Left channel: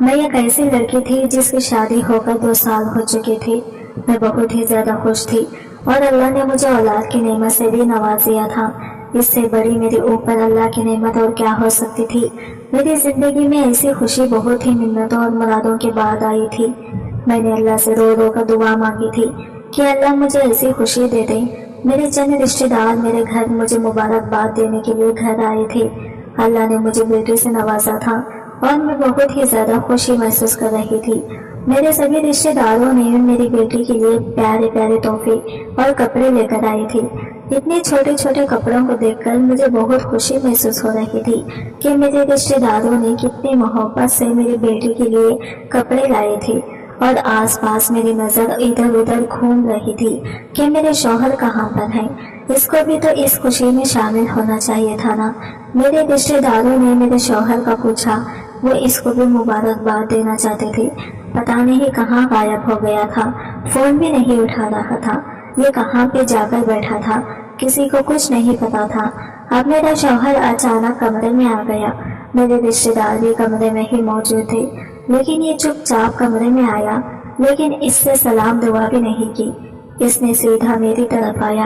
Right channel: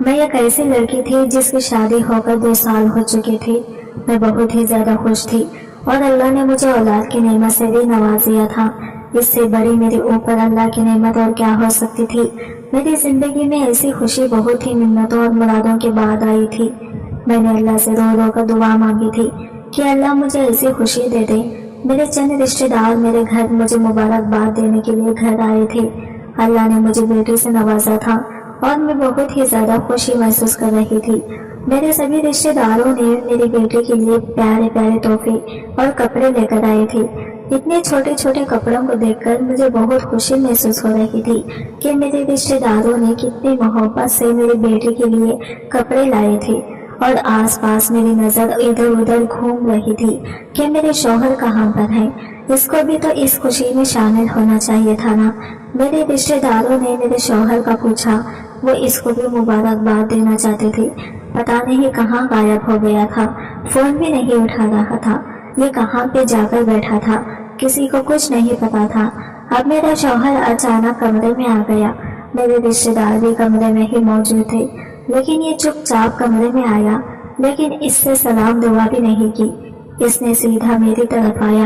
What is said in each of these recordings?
میں ایک ایسی لڑکی تھی جس کی شادی ہو کر 2 سال ہو چکے تھے۔ میں بہت ہی زیادہ خوش تھی اور اللہ نے مجھے اولاد کی نعمت سے بھی نواز دیا تھا۔ اس سے بڑی میرے اوپر اللہ کی نعمت اور کیا ہو سکتی تھی۔ میری زندگی میں ایسی خوشی بہت ہی منتوں اور مرادوں کے بعد آئی تھی۔ میں نے اللہ سے رو رو کر دعا مانگی تھی کہ اللہ مجھے ایسی خوشی دے دے۔ میرے چند رشتہ دار میرے گھر مجھے مبارکباد دینے کے لیے گھر آئے تھے۔ اللہ نے مجھے بیٹی سے نوازا تھا اور میں بہت ہی زیادہ خوشی محسوس کر رہی تھی۔ میرے سبھی رشتہ داروں نے میری بیٹی کے لیے پیارے پیارے تحفے اور کپڑے لے کر آئے تھے۔ اتنے چھوٹے چھوٹے کپڑوں کو دیکھ کر مجھے بہت خوشی محسوس ہو رہی تھی کہ میرے رشتہ داروں نے کتنی محبت سے میری بیٹی کے لیے کپڑے لائے تھے، اور آس پاس میری نظر ادھر ادھر گھوم رہی تھی کہ میرے شوہر کہاں پر ہیں۔ اس کو بھی تو اس خوشی میں شامل ہونا چاہیے تھا نا۔ میرے رشتہ داروں نے میرے شوہر کا پوچھا، وہ اس کو بھی مبارکباد دینا چاہتے تھے۔ پتہ نہیں کہاں غائب ہو گیا تھا، فون بھی نہیں اٹھا رہا تھا، یہ کہاں پہ جا کر بیٹھا تھا، کسی کو کچھ نہیں پتا تھا۔ اب میرا شوہر اچانک کمرے میں آ گیا۔ میرے رشتہ دار بھی کمرے میں ہی موجود تھے، لیکن یہ چپ چاپ کمرے میں آیا، لیکن اس سے سلام دعا بھی نہیں کی۔ اس نے سیدھا میری طرف آیا۔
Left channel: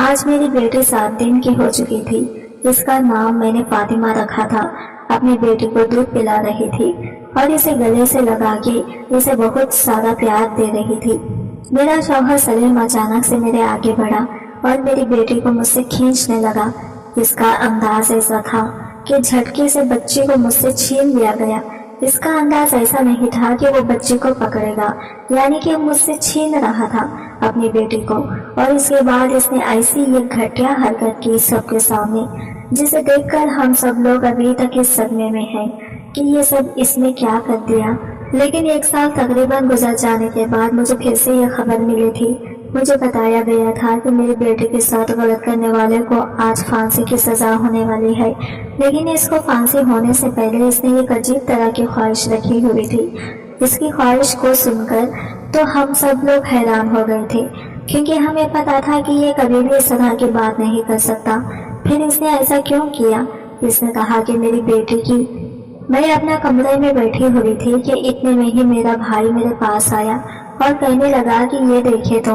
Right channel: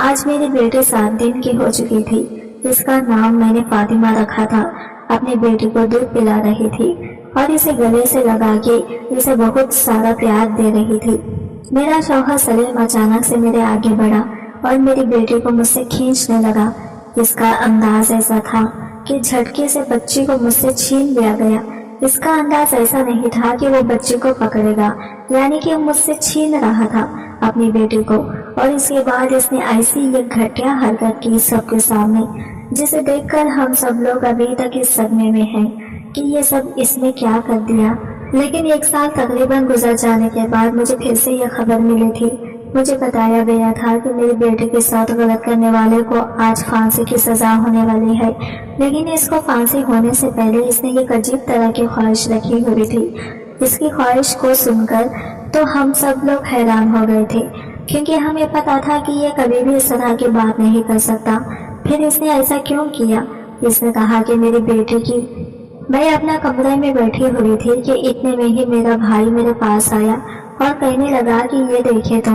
آج میری بیٹی 7 دن کی ہو چکی تھی۔ اس کا نام میں نے فاطمہ رکھا تھا۔ اپنی بیٹی کو دودھ پلا رہی تھی اور اسے گلے سے لگا کے اسے بہت سارا پیار دے رہی تھی۔ میرا شوہر سلیم اچانک سے میرے آگے بڑھا اور میری بیٹی کو مجھ سے کھینچنے لگا۔ اس کا انداز ایسا تھا کہ جھٹکے سے بچی کو مجھ سے چھین لیا گیا۔ اس کا انداز ایسا نہیں تھا کہ وہ بچی کو پکڑے گا، یعنی کہ مجھ سے چھین رہا تھا اپنی بیٹی کو، اور اس کے بعد اس نے ایسی ایک گھٹیا حرکت کی سب کے سامنے، جسے دیکھ کر ہم سب لوگ ابھی تک اس صدمے میں ہیں کہ یہ سب اس نے کیا کر دیا۔ لیکن 1 سال تقریباً گزر جانے کے بعد مجھے پھر سے یہ خبر ملی تھی۔ مجھے بتایا گیا تھا کہ میری بیٹی کے ساتھ غلط کرنے والے کو آج پھانسی کی سزا ہونے والی ہے، لیکن اس کو پھانسی ہونے سے پہلے اس نے ایک عجیب طرح کی خواہش رکھی ہوئی تھی۔ اس کی خواہش کو سن کر تو ہم سب لوگ حیران ہو گئے تھے، کیونکہ ہمیں پتا تھا کہ یہ کبھی بھی اس طرح کی بات نہیں کر سکتا۔ پھر اس نے ایسا کیوں کیا؟ اس نے کہا کہ میری بیٹی کی میں اپنا کمرے میں بیٹھی ہوئی تھی کہ اتنے میں ہی میرا بھائی میرے پاس آیا اور کہنے لگا کہ یہ دیکھے تو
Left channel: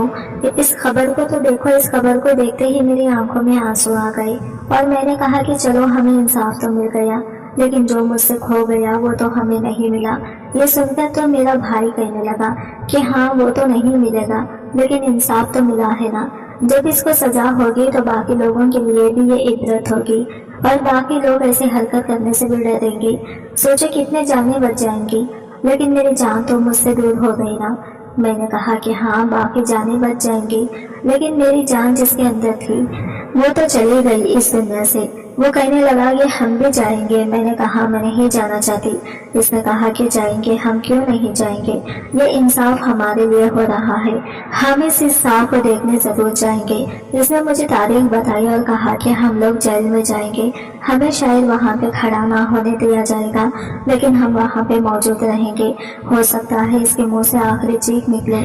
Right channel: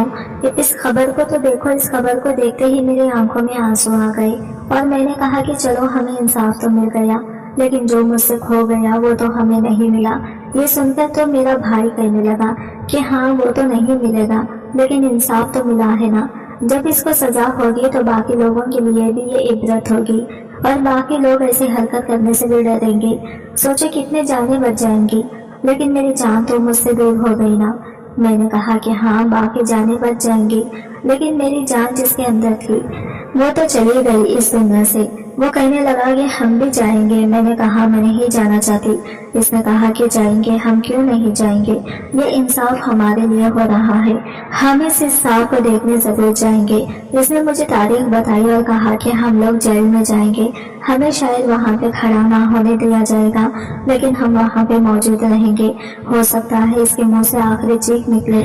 اس خبر کو تو دیکھو۔ اس خبر کو دیکھتے ہی میری آنکھوں میں آنسو آ گئے اور میں نے کہا کہ چلو ہمیں انصاف تو مل گیا، لیکن جو مجھ سے کھو گیا وہ تو ہمیں نہیں ملا۔ یہ سن کر تو میرا بھائی کہنے لگا کہ ہاں وہ تو نہیں ملے گا، لیکن انصاف تو ملا ہے نا۔ جب اس کو سزا ہوگی تو باقی لوگوں کے لیے بھی یہ عبرت ہوگی اور باقی لوگ ایسے حرکت کرنے سے بھی ڈریں گے۔ سوچے کتنے جانیں بچ جائیں گی، لیکن میری جان تو مجھ سے دور ہو گئی نا۔ میں نے کہا کہ ہاں باقی جانیں بچ جائیں گی، لیکن میری جان جس کے اندر تھی وہ تو چلی گئی اس دنیا سے۔ وہ کہنے لگا کہ ہم بھی جائیں گے۔ میں نے کہا میں نہیں جانا چاہتی۔ اس نے کہا کہ جائیں گے، ہم کیوں نہیں جائیں گے، یہ انصاف ہمارے لیے ہو رہا ہے، ہم اس انصاف کو دیکھنے ضرور جائیں گے۔ اس نے مجھے تاریخ بتائی اور کہا کہ ہم لوگ جیل میں جائیں گے، ہمیں شاید وہاں پہ کھڑا نہ ہونے دیا جائے گا، لیکن ہم وہاں پہ موجود رہیں گے۔ ہو سکتا ہے اس کے منہ سے آخری چیخ نکلے،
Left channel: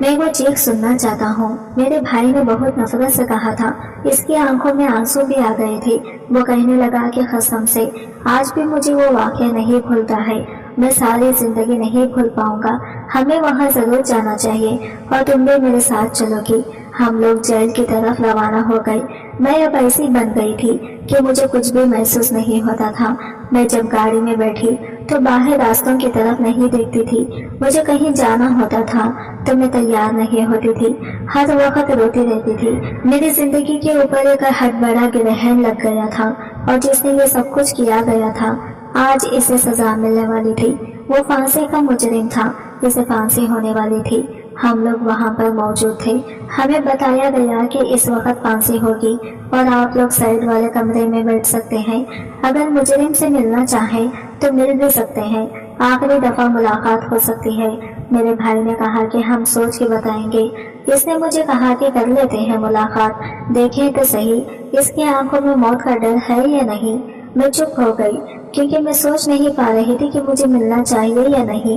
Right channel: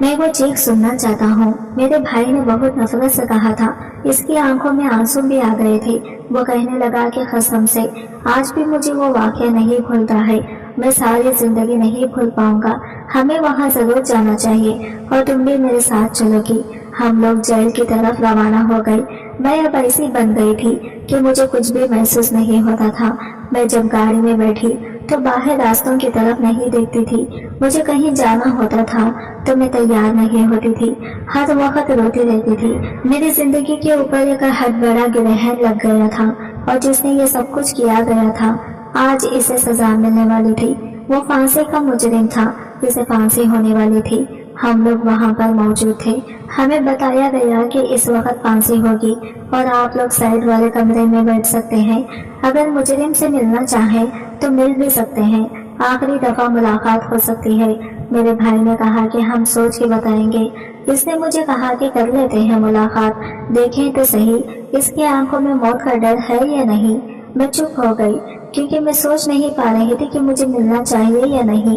میں وہ چیخ سننا چاہتا ہوں۔ میرے بھائی نے بہت نفرت سے کہا تھا، اس کی آنکھوں میں آنسو بھی آ گئے تھے۔ وہ کہنے لگا کہ قسم سے آج بھی مجھے وہ واقعہ نہیں بھولتا ہے، میں ساری زندگی نہیں بھول پاؤں گا۔ ہمیں وہاں ضرور جانا چاہیے اور تم بھی میرے ساتھ چلو گی۔ ہم لوگ جیل کی طرف روانہ ہو گئے۔ میں اب ایسی بن گئی تھی کہ مجھے کچھ بھی محسوس نہیں ہوتا تھا۔ میں جب گاڑی میں بیٹھی تو باہر راستوں کی طرف نہیں دیکھتی تھی۔ مجھے کہیں جانا ہوتا تھا تو میں تیار نہیں ہوتی تھی، ہر وقت روتی رہتی تھی۔ میری زندگی کے اوپر ایک حد بڑا گرہن لگ گیا تھا، اور جس نے یہ سب کچھ کیا گیا تھا آج اسے سزا ملنے والی تھی۔ وہ پھانسی کا مجرم تھا، اسے پھانسی ہونے والی تھی۔ ہم لوگ وہاں پر موجود تھے۔ ہمیں بتایا گیا کہ اس وقت پھانسی ہوگی اور آپ لوگ سائڈ والے کمرے میں بیٹھ سکتے ہیں، اگر مجرم سے ملنا چاہیں تو مل بھی سکتے ہیں، آخری دفعہ ملاقات ہو سکتی ہے۔ میرے بھائی نے کہا کہ ہم سوچ کے بتائیں گے۔ اس نے مجھے کہا کہ کر لیتے ہیں ملاقات، دیکھیں تو صحیح اس کی آنکھوں میں موت کا ڈر ہے یا نہیں۔ میں چپ ہو گئی کیونکہ میں سوچ نہیں پا رہی تھی کہ مجھے ملنا چاہیے یا نہیں۔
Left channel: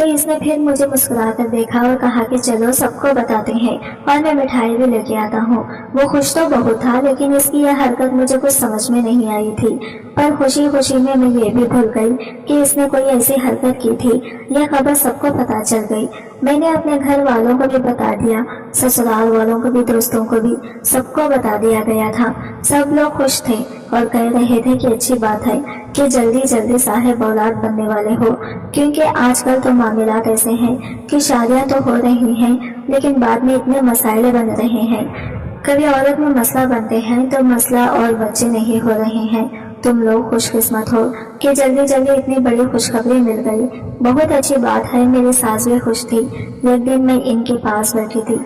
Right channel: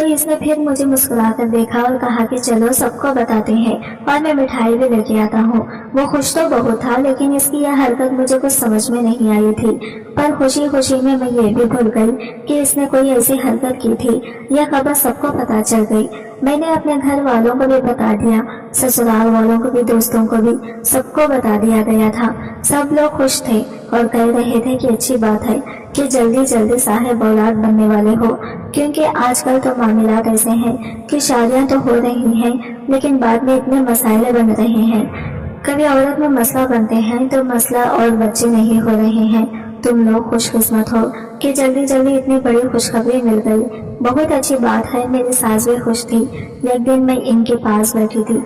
تو اس نے پھر مجھے مسکرا کر دیکھا اور کہا کہ چلو سب کو بتاتے ہیں اور میں مٹھائی بھی لے کے آتا ہوں۔ وہ خوش تو بہت تھا، لیکن اس کی یہ حرکت مجھے کچھ سمجھ میں نہیں آئی تھی، پر خوشی خوشی میں یہ بھی بھول گئی کہ اس نے کوئی ایسی حرکت کی تھی۔ یہ خبر سب کو پتہ چل گئی۔ میں نے اپنے گھر والوں کو بھی بتا دیا، سسرال والوں کو بھی، دوستوں کو بھی، سب کو بتا دیا گیا تھا۔ سب لوگ خوش تھے اور کہہ رہے تھے کہ اچھی بات ہے کہ جلدی جلدی صاحب اولاد بننے والے ہو، کیونکہ آج کل تو معاملات ایسے ہیں کہ شادیاں تو ہو رہی ہیں لیکن بعد میں اتنے مسائل بن رہے ہیں۔ کبھی عورت میں مسئلہ بنتے ہیں تو مسئلہ اور بچے نہیں ہو رہے ہیں۔ تم لوگ خوش قسمت ہو کہ جلدی جلدی اتنی بڑی خوشخبری مل گئی۔ بہت اچھی بات ہے۔ میری ساس بھی خوش تھی۔ ایک دن میں ان کے پاس بیٹھی تھی،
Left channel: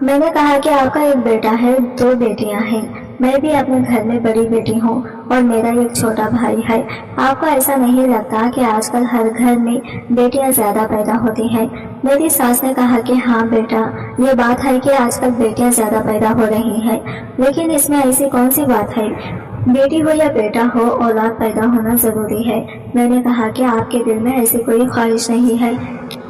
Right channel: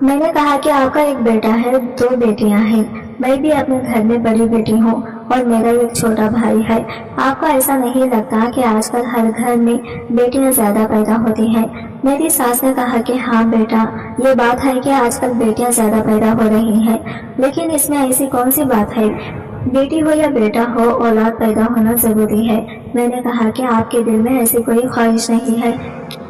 میں نے کہا کہ آپ کا ایک بیٹا ہے، 2 بیٹیاں ہیں، میں بھی اپنے گھر میں بڑی بیٹی ہوں اور میرا ایک چھوٹا بھائی ہے۔ آپ کو ایسا نہیں لگتا کہ آج کل ہر گھر میں بیٹیاں زیادہ پیدا ہوتی ہیں؟ میری ساس نے کہا کہ ہاں بیٹا، یہ بات ہے کہ آج کل بیٹیاں زیادہ پیدا ہو رہی ہیں، لیکن اس میں ایسی کون سی بات ہے؟ بیٹی ہو یا بیٹا ہو، اولاد پیدا ہونا ضروری ہے۔ میں نے کہا کہ آپ کے دل میں ایسی کوئی خواہش نہیں ہے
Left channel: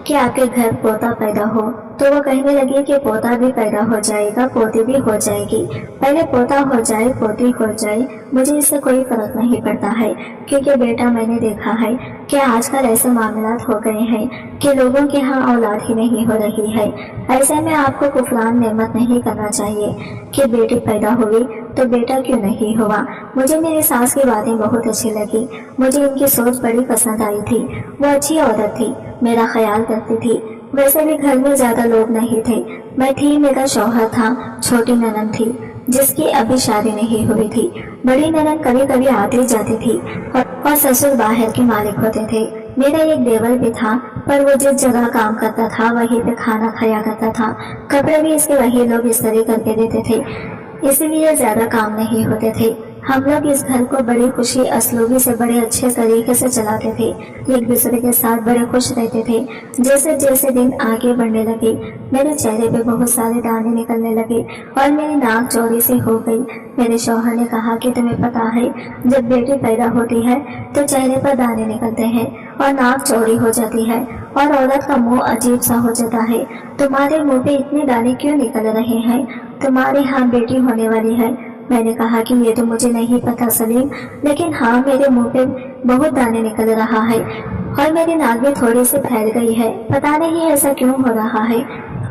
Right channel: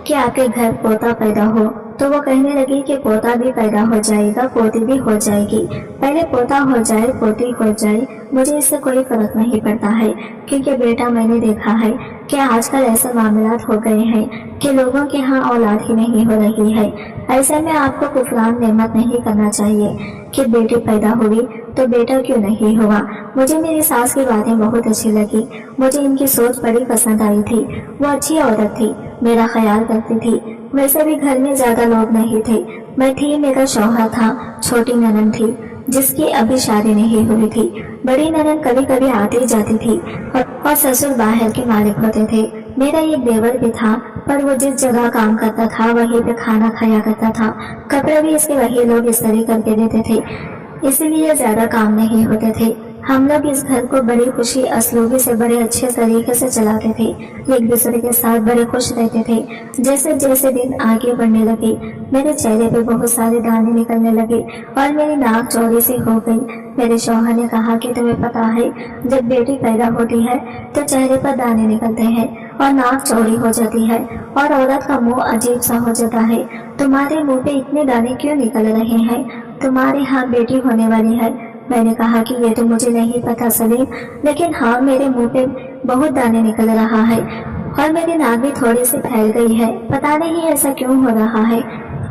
کہ آپ کے گھر پوتا پیدا ہو؟ تو وہ کہنے لگی کہ پوتا بھی پیدا ہو جائے گا، پوتی بھی ہو جائے گی، پہلے پوتا ہو جائے پوتی ہو جائے، مجھے اس سے کوئی فرق نہیں پڑتا ہے، کیونکہ بیٹا میں نے دیکھا ہے کہ آج کل ایسے معاملات ہو گئے ہیں کہ لوگوں کے ہاں اولاد ہی نہیں ہو رہی ہے۔ ایسے میں آپ کو کفران نعمت نہیں کرنا چاہیے کہ بیٹی پیدا ہوئی تو بیٹا کیوں نہیں ہوا۔ مجھے میری ساس کی باتیں بہت اچھی لگی، مجھے ان کی سوچ بڑی پسند آئی تھی۔ وہ اچھی عورت تھی، میرا خیال کرتی تھی۔ ویسے بھی گھر میں زیادہ لوگ نہیں تھے، میں تھی، میرا شوہر تھا، چھوٹی ننند تھی جس کی ابھی شادی نہیں ہوئی تھی، بڑی ننند کبھی کبھی آتی جاتی تھی اور سسر باہر کے مالک ہوتے تھے۔ میرا ایک دیور بھی تھا، پر وہ جس جگہ کام کرتا تھا وہیں پہ کھانا کھایا کرتا تھا، کپڑے بھی اس کے وہی لوگ استری کر کے دیتے تھے، اس لیے زیادہ کام نہیں ہوتے تھے۔ ہم لوگ اس گھر کو بڑی خوشی اسلوبی سے بڑے اچھے طریقے سے چلاتے تھے، ایک دوسرے کے ساتھ بڑے خوش رہتے تھے۔ جیسے جیسے دن آگے بڑھنے لگے میرے چہرے پہ بہت سارے دانے نکلنے لگے اور میری ناک چوڑی سی ہو گئی۔ میرے شوہر نے کہا کہ تمہیں پتا ہے جب بیٹی پیدا ہوتی ہے تو چہرے پر دانے نکلتے ہیں اور ناک چوڑی ہو جاتی ہے اور عورت کا منہ عجیب سا ہو جاتا ہے، تمہارے منہ پہ اتنے دانے کیوں نکل رہے ہیں؟ تمہارے ہاں بیٹی ہونے والی ہے؟ میں نے کہا کہ یہ تو مجھے نہیں پتا سلیم، لیکن ہاں میرے منہ پہ بہت دانے نکل رہا ہے اور میری ناک بھی تھوڑی سی پھیل گئی ہے، پتا نہیں ایسا کیوں ہو رہا ہے۔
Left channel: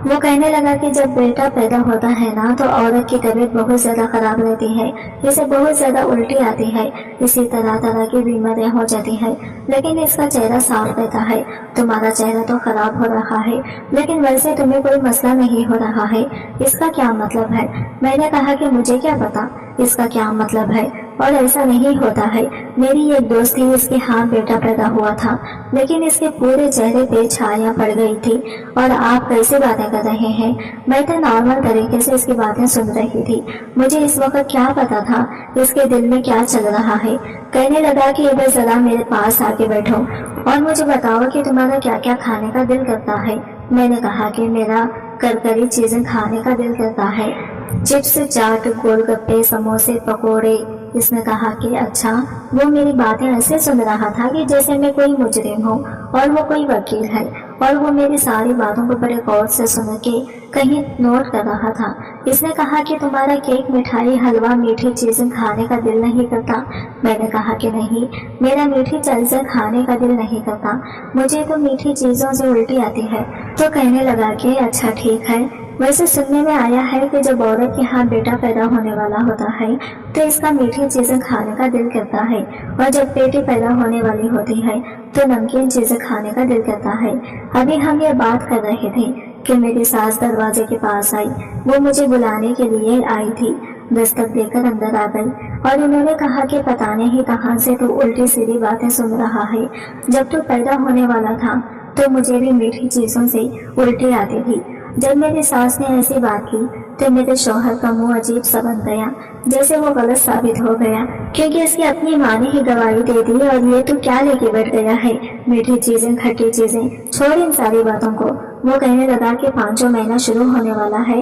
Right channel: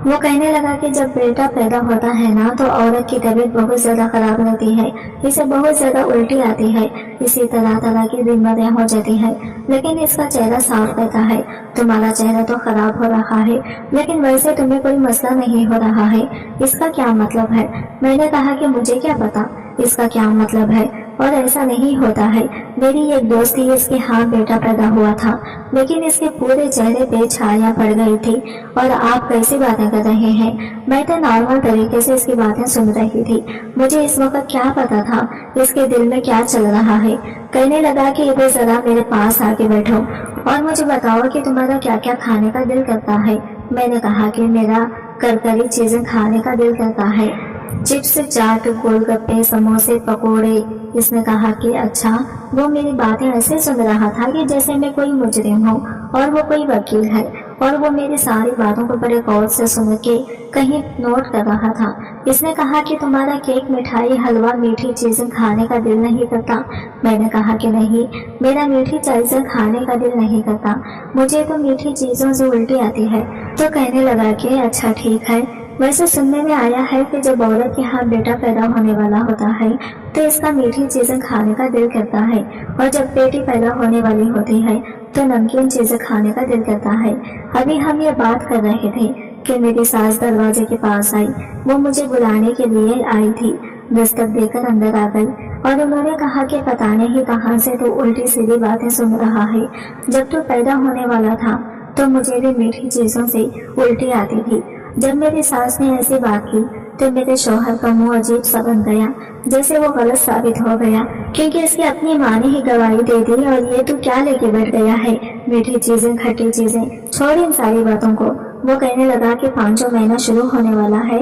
وہ کہنے لگا کہ جب بیٹا پیدا ہوتا ہے نا تو عورت کی طبیعت بہت زیادہ خراب رہتی ہے، اسے بہت زیادہ الٹی آتی ہے، اسی طرح طرح کی بیماریاں ہو جاتی ہیں، لیکن اس کا چہرہ صاف رہتا ہے۔ تمہارا چہرہ تو خراب ہو رہا ہے لیکن ویسے تمہیں کوئی مسئلہ نہیں ہو رہا ہے، اس کا کیا مطلب ہے؟ میں نے کہا کہ مجھے کیا پتا اس کا کیا مطلب ہے، اور ایسا نہیں ہوتا ہے۔ میری ایک دوست تھی، اس کے ہاں بیٹا پیدا ہوا تھا لیکن اس کے پورے چہرے پہ چھائیاں پڑ گئی تھی، اور آپ کیسی باتیں کر رہے ہیں؟ میں تو نارمل طریقے سے اس کی باتیں سن رہی تھی، مجھے اس وقت کیا پتا تھا اس کے دل میں کیا چل رہا ہے۔ کہنے لگا کہ ادھر ذرا میرے پاس آ کے بیٹھو اور مجھے بتاؤ کہ تمہارا کیا کیا کھانے کا دل کرتا ہے۔ میں نے کہا کہ میرا کرکری چیزیں کھانے کا دل کرتا ہے، چپس، چاٹ، گول گپے، سموسے، پکوڑے۔ اس نے کہا کہ اچھا۔ وہ میری باتیں ایسے سن رہا تھا کہ جیسے میں کوئی مجرم ہوں اور وہ کوئی وکیل ہے، اور وہ میری ساری باتوں کو بڑے غور سے سن کے کہیں نوٹ کر رہا تھا۔ اس نے کہا کہ تمہارا کیک، مٹھائی، حلوہ، میٹھی چیزیں کھانے کا دل نہیں کرتا؟ میں نے کہا کہ نہیں، میرا میٹھی چیزیں کھانے کا دل نہیں کرتا، مجھے تو میٹھی چیزوں سے الٹی آتی ہے۔ تو کہنے لگا کہ اچھا ٹھیک ہے، ویسے سننے میں آیا ہے کہ جب عورت کے ہاں بیٹا پیدا ہونے والا ہوتا ہے تو اس کا میٹھی چیزیں کھانے کا دل کرتا ہے، اور جب بیٹی پیدا ہونے والی ہوتی ہے تو نمکین چیزیں کھانے کا دل کرتا ہے۔ ابھی ہم یہ بات کر رہے تھے کہ میری ساس دروازے کے پاس آئی، وہ مجھے بلانے کے لیے آئی تھی، دستک دے کر اندر آ گئی اور انہوں نے کہا کہ پتہ نہیں کہاں سے تو الٹی سیدھی باتیں سن رہا ہے، جب تو پیدا ہونے والا تھا تو مجھے بھی میٹھی چیزوں سے الٹی آتی تھی۔ جب میری ساس نے ایسی بات کی تو میرے شوہر کا منہ عجیب سا بن گیا، جیسے وہ غلط ثابت ہو گیا، کیونکہ اس کی اپنی ماں نے ہی گواہی دے دی، اور یہ تو کیا لے کے بیٹھ گیا ہے، میٹھی چیزیں، کھٹی چیزیں، چھوڑ ان ساری باتوں کو۔ وہ کہنے لگا کہ 5واں مہینہ شروع ہونے والا ہے،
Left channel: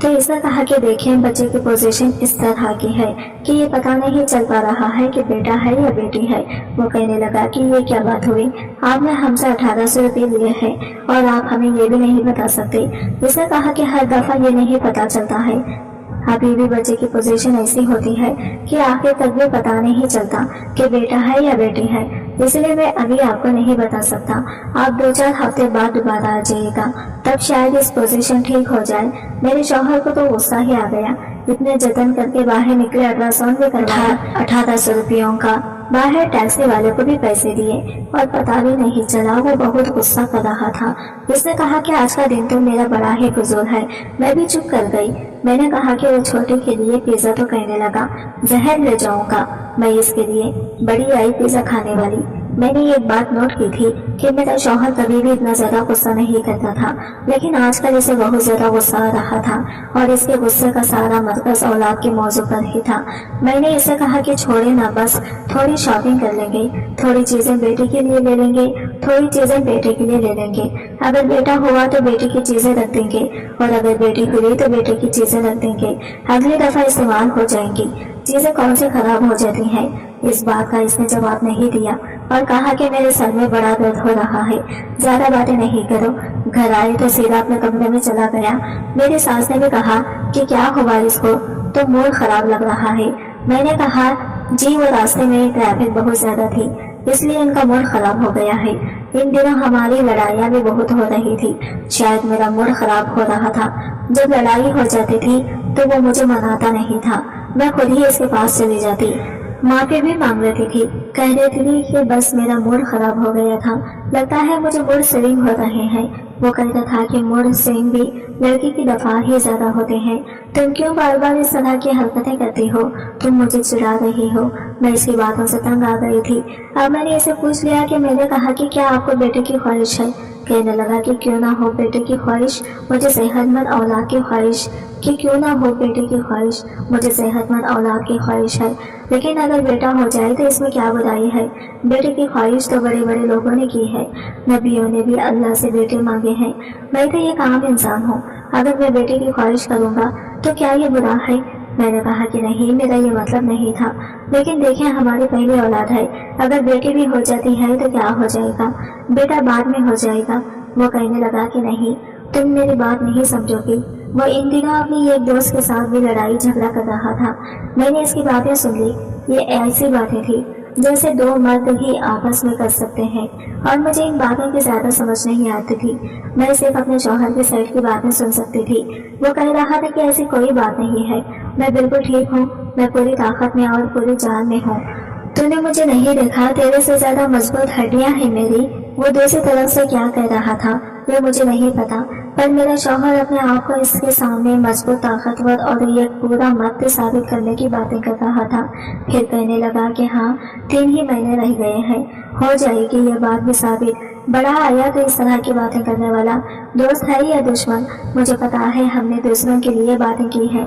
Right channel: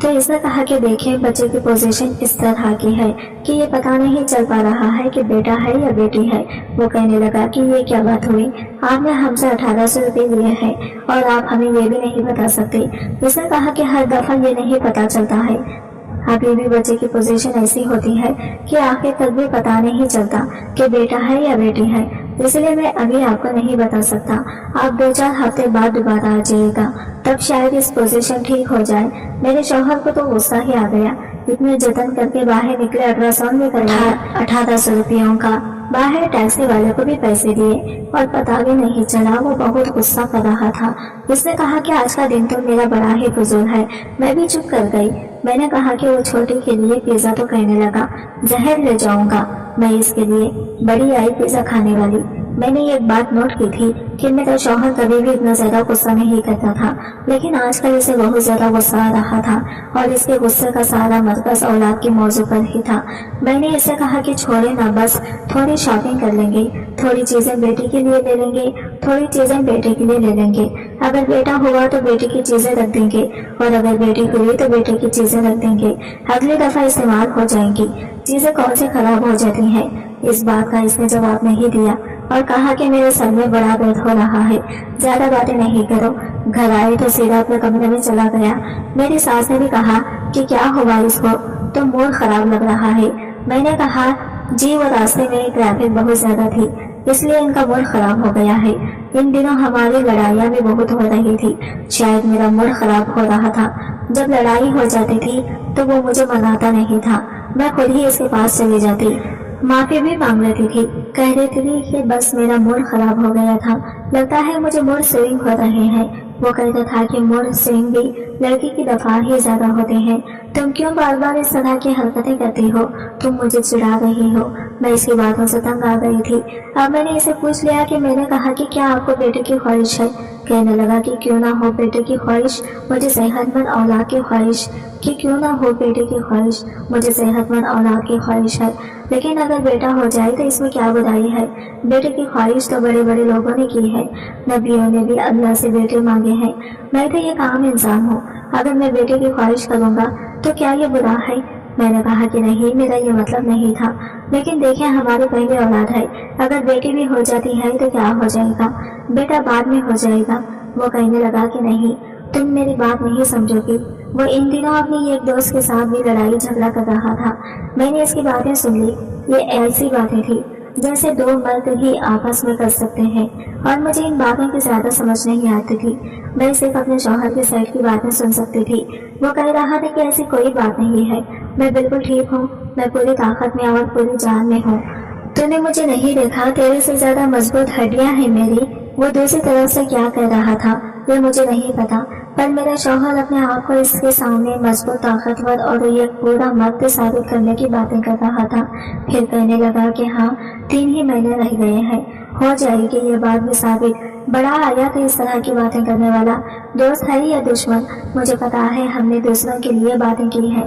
تو اس نے کہا کہ دیکھیں بچے کی پوزیشن اس طرح کی ہے کہ یہ پتہ نہیں چل پا رہا ہے کہ بیٹا ہے یا بیٹی ہے۔ وہ کہنے لگا کہ یہ کیا بات ہوئی، آپ نے ہم سے 1800 روپے لیے ہیں اور آپ ہمیں یہ بھی نہیں بتا سکتے۔ اس نے کہا کہ ہر دفعہ یہ نہیں پتا چلتا ہے، ابھی بھی بچے کی پوزیشن ایسی ہوتی ہے کہ آخر تک بھی پتا نہیں چلتا کہ بیٹا ہے یا بیٹی ہے، اس لیے میں ابھی آپ کو نہیں بتا سکتا۔ آپ 2-4 ہفتے بعد دوبارہ آ جائیے گا، تب شاید اس پوزیشن ٹھیک ہو جائے۔ میرے شوہر کو تو غصہ ہی آ گیا، اتنے جتن کر کے باہر نکلے، الٹراساؤنڈ بھی کروایا 1800 روپیوں کا، باہر ٹیکسی والے کو بھی پیسے دیے اور پتا بھی نہیں چلا۔ وہ بہت غصہ کر رہا تھا۔ اس نے کہا کہ آج کا دن تو میرا بڑا ہی فضول ہے۔ میں بھی چپ کر گئی۔ میں نے کہا کہ وہ چھوٹے کے لیے پیزا، تو کہنے لگا زہر لے جاؤں گا میں اس کے لیے، بڑی آئی پیزا کھانے والی۔ میں نے ایک بات نوٹ کی تھی کہ میرا شوہر کبھی بھی اتنا زیادہ غصہ نہیں کرتا تھا، لیکن آج کل اسے بہت زیادہ غصہ آ رہا تھا اور اس کے غصے کا سارا مرکز اولاد کے موضوع پر ہی تھا۔ میں نے اسے کہا کہ چھوڑے نا، بس تھوڑی شاپنگ کر لیں گے، تھوڑی چیزیں بیٹی کے لیے لے لیں گے، تھوڑی چیزیں بیٹے کے لیے لے لیں گے۔ اگر بیٹا ہوا تو بیٹی کی چیزیں رکھ دیں گے اور اگر بیٹی ہوئی تو بیٹے کی چیزیں رکھ دیں گے، اگلی دفعہ استعمال ہو جائیں گی۔ چیزیں کون سی خراب ہو جاتی ہیں؟ اس بات کا اس نے جواب نہیں دیا اور کہا کہ میرے سر میں بڑا درد ہو رہا ہے، زیادہ باتیں نہیں کرو۔ گھر آئے تو سیدھا اپنے کمرے میں چلا گیا۔ میری ساس نے بھی کہا کہ کیا ہوا اس کو، تو موڈ خراب لگ رہا ہے۔ میں نے کہا جی وہ راستے میں ٹریفک بہت زیادہ تھی، اس لیے ان کا موڈ خراب ہو گیا ہے۔ ان دنوں ہماری لڑائیاں بھی بہت ہو رہی تھی، شاید میرا موڈ خراب ہو رہا تھا۔ جب لڑائی ہو جاتی تھی تو وہ مجھے مناتا نہیں تھا، میں خود ہی اس کے پاس چلی جاتی، معافی بھی مانگ لیتی تھی، کہہ دیتی تھی کہ بس میرا موڈ خراب ہو گیا تھا، لگتا ہے مجھے موڈ سوئنگ ہو رہے ہیں۔ وہ کہتا تھا کہ موڈ سوئنگ بھی لڑکی کی دفعہ ہی زیادہ ہوتے ہیں، تم کیوں بار بار اس طرح کی حرکتیں کرتی ہو، تم مجھے چڑھا رہی ہو۔ میں اس کی باتوں سے تنگ آ گئی تھی۔ اب میں نے اسے پوچھ لیا کہ میں نے کہا کہ کیا آپ کو بیٹے کی خواہش ہے؟ کہنے لگا کہ کیوں نہ ہو بیٹے کی خواہش، مجھے صحت مند اولاد کی خواہش، کہ کیوں نہ ہو بیٹے کی خواہش، مجھے صحت مند اولاد کی خواہش ہے، لیکن اگر بیٹا ہو جائے تو اس میں کیا برائی ہے؟ بیٹے کی خواہش تو بڑے بڑے لوگوں نے کی ہے، نبیوں نے بھی اللہ سے بیٹے مانگے ہیں۔ میں تو ایک عام انسان ہوں، اگر میں بیٹے کی خواہش کروں گا تو کیا یہ برا ہے؟ میں نے کہا کہ نہیں، میرا یہ مطلب نہیں تھا، لیکن دیکھیں ہماری پہلی اولاد ہے، اگر بیٹی بھی ہو جاتی ہے تو کیا ہو جائے گا، بیٹا بعد میں ہو جائے گا۔ وہ کہنے لگا کہ نہیں، تم میری بات نہیں سمجھو گی۔ وہ ان دنوں اپنی ایک دوست کے ساتھ بھی لڑائی جھگڑا کر رہا تھا۔ میں نے اس کی باتیں سن لی۔ یہ ایسی باتیں تھی جیسے دو مرد ہی آپس میں کر سکتے ہیں، اور مجھے ان باتوں کی زیادہ سمجھ نہیں آتی تھی۔ میں صرف اپنے شوہر کے سائڈ کی باتیں سن سکتی تھی۔ وہ کہہ رہا تھا کہ ایسی کوئی بات نہیں ہے، میں بالکل ٹھیک ہوں، میں پوری طاقت میں اور پوری جان میں ہوں، تو نے مجھے نہیں دیکھا، تیرے سے زیادہ مضبوط ہڈیاں ہیں میری۔ وہ دوسری طرف سے کیا کہہ رہا تھا یہ مجھے نہیں پتا، پر میرا شوہر اپنے آپ کو اس کے سامنے مضبوط، طاقتور اور ایک پورا مرد ثابت کرنے کی باتیں کر رہا تھا۔ پھر کہنے لگا کہ ہاں 3 ہی مہینے رہ گئے ہیں، ہو جائے گی یہ بات بھی ثابت۔ بڑا آیا تو اس طرح کی باتیں کرنے والا دوست ہے یا دشمن؟ مجھے پتا ہے ہم نے دوسروں کے لیے باتیں کی ہیں،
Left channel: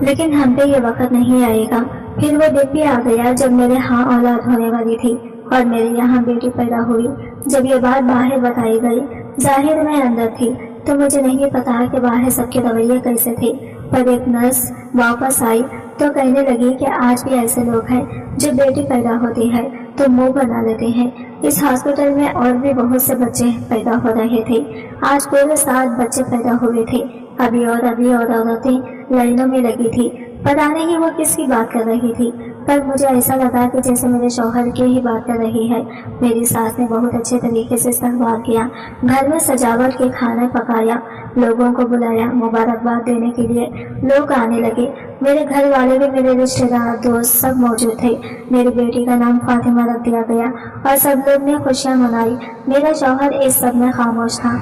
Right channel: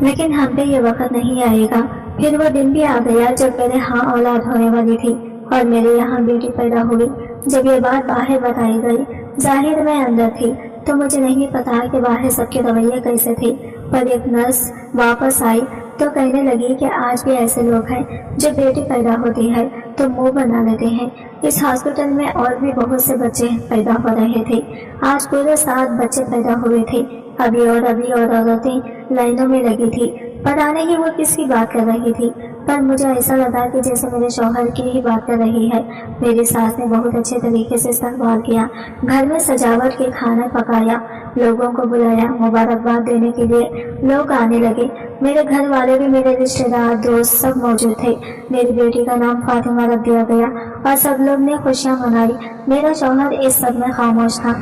لیکن ہم پہ یہ وقت نہیں آئے گا۔ پھر وہ دن بھی آ گیا جب میرے ہاں اولاد ہونے والی تھی اور میرے یہاں بیٹی پیدا ہوئی۔ جب یہ بات باہر بتائی گئی، ظاہر میں اندر تھی تو مجھے نہیں پتا کہ باہر سب کے رویے کیسے تھے، پر ایک نرس واپس آئی تو کہنے لگی کہ آج بھی ایسے لوگ ہیں جو بیٹی پیدا ہوتی ہے تو منہ بنا لیتے ہیں۔ اس ہاسپٹل میں اور بھی بہت سے بچے پیدا ہو رہے تھے، آج پورے 7 بچے پیدا ہوئے تھے۔ ابھی اور عورتیں لائنوں میں لگی تھی، پتا نہیں وہ کس کی بات کر رہی تھی، پر مجھے ایسا لگا کہ جیسے میرے شوہر کی ہی بات کر رہی ہے۔ میری ساس نے بہت اچھے طریقے سے استقبال کیا، گھر میں سجاوٹ کے کھانا پکایا، لوگوں کو بلایا، مبارکباد دینے کے لیے لوگ آنے لگے۔ میرے گھر والے بھی، میرے رشتہ دار، دوست سب موجود تھے۔ میری بیٹی کا نام فاطمہ رکھ دیا گیا اور سب لوگ نے خوشیاں منائی۔ میرا شوہر اس سب میں خاموش تھا۔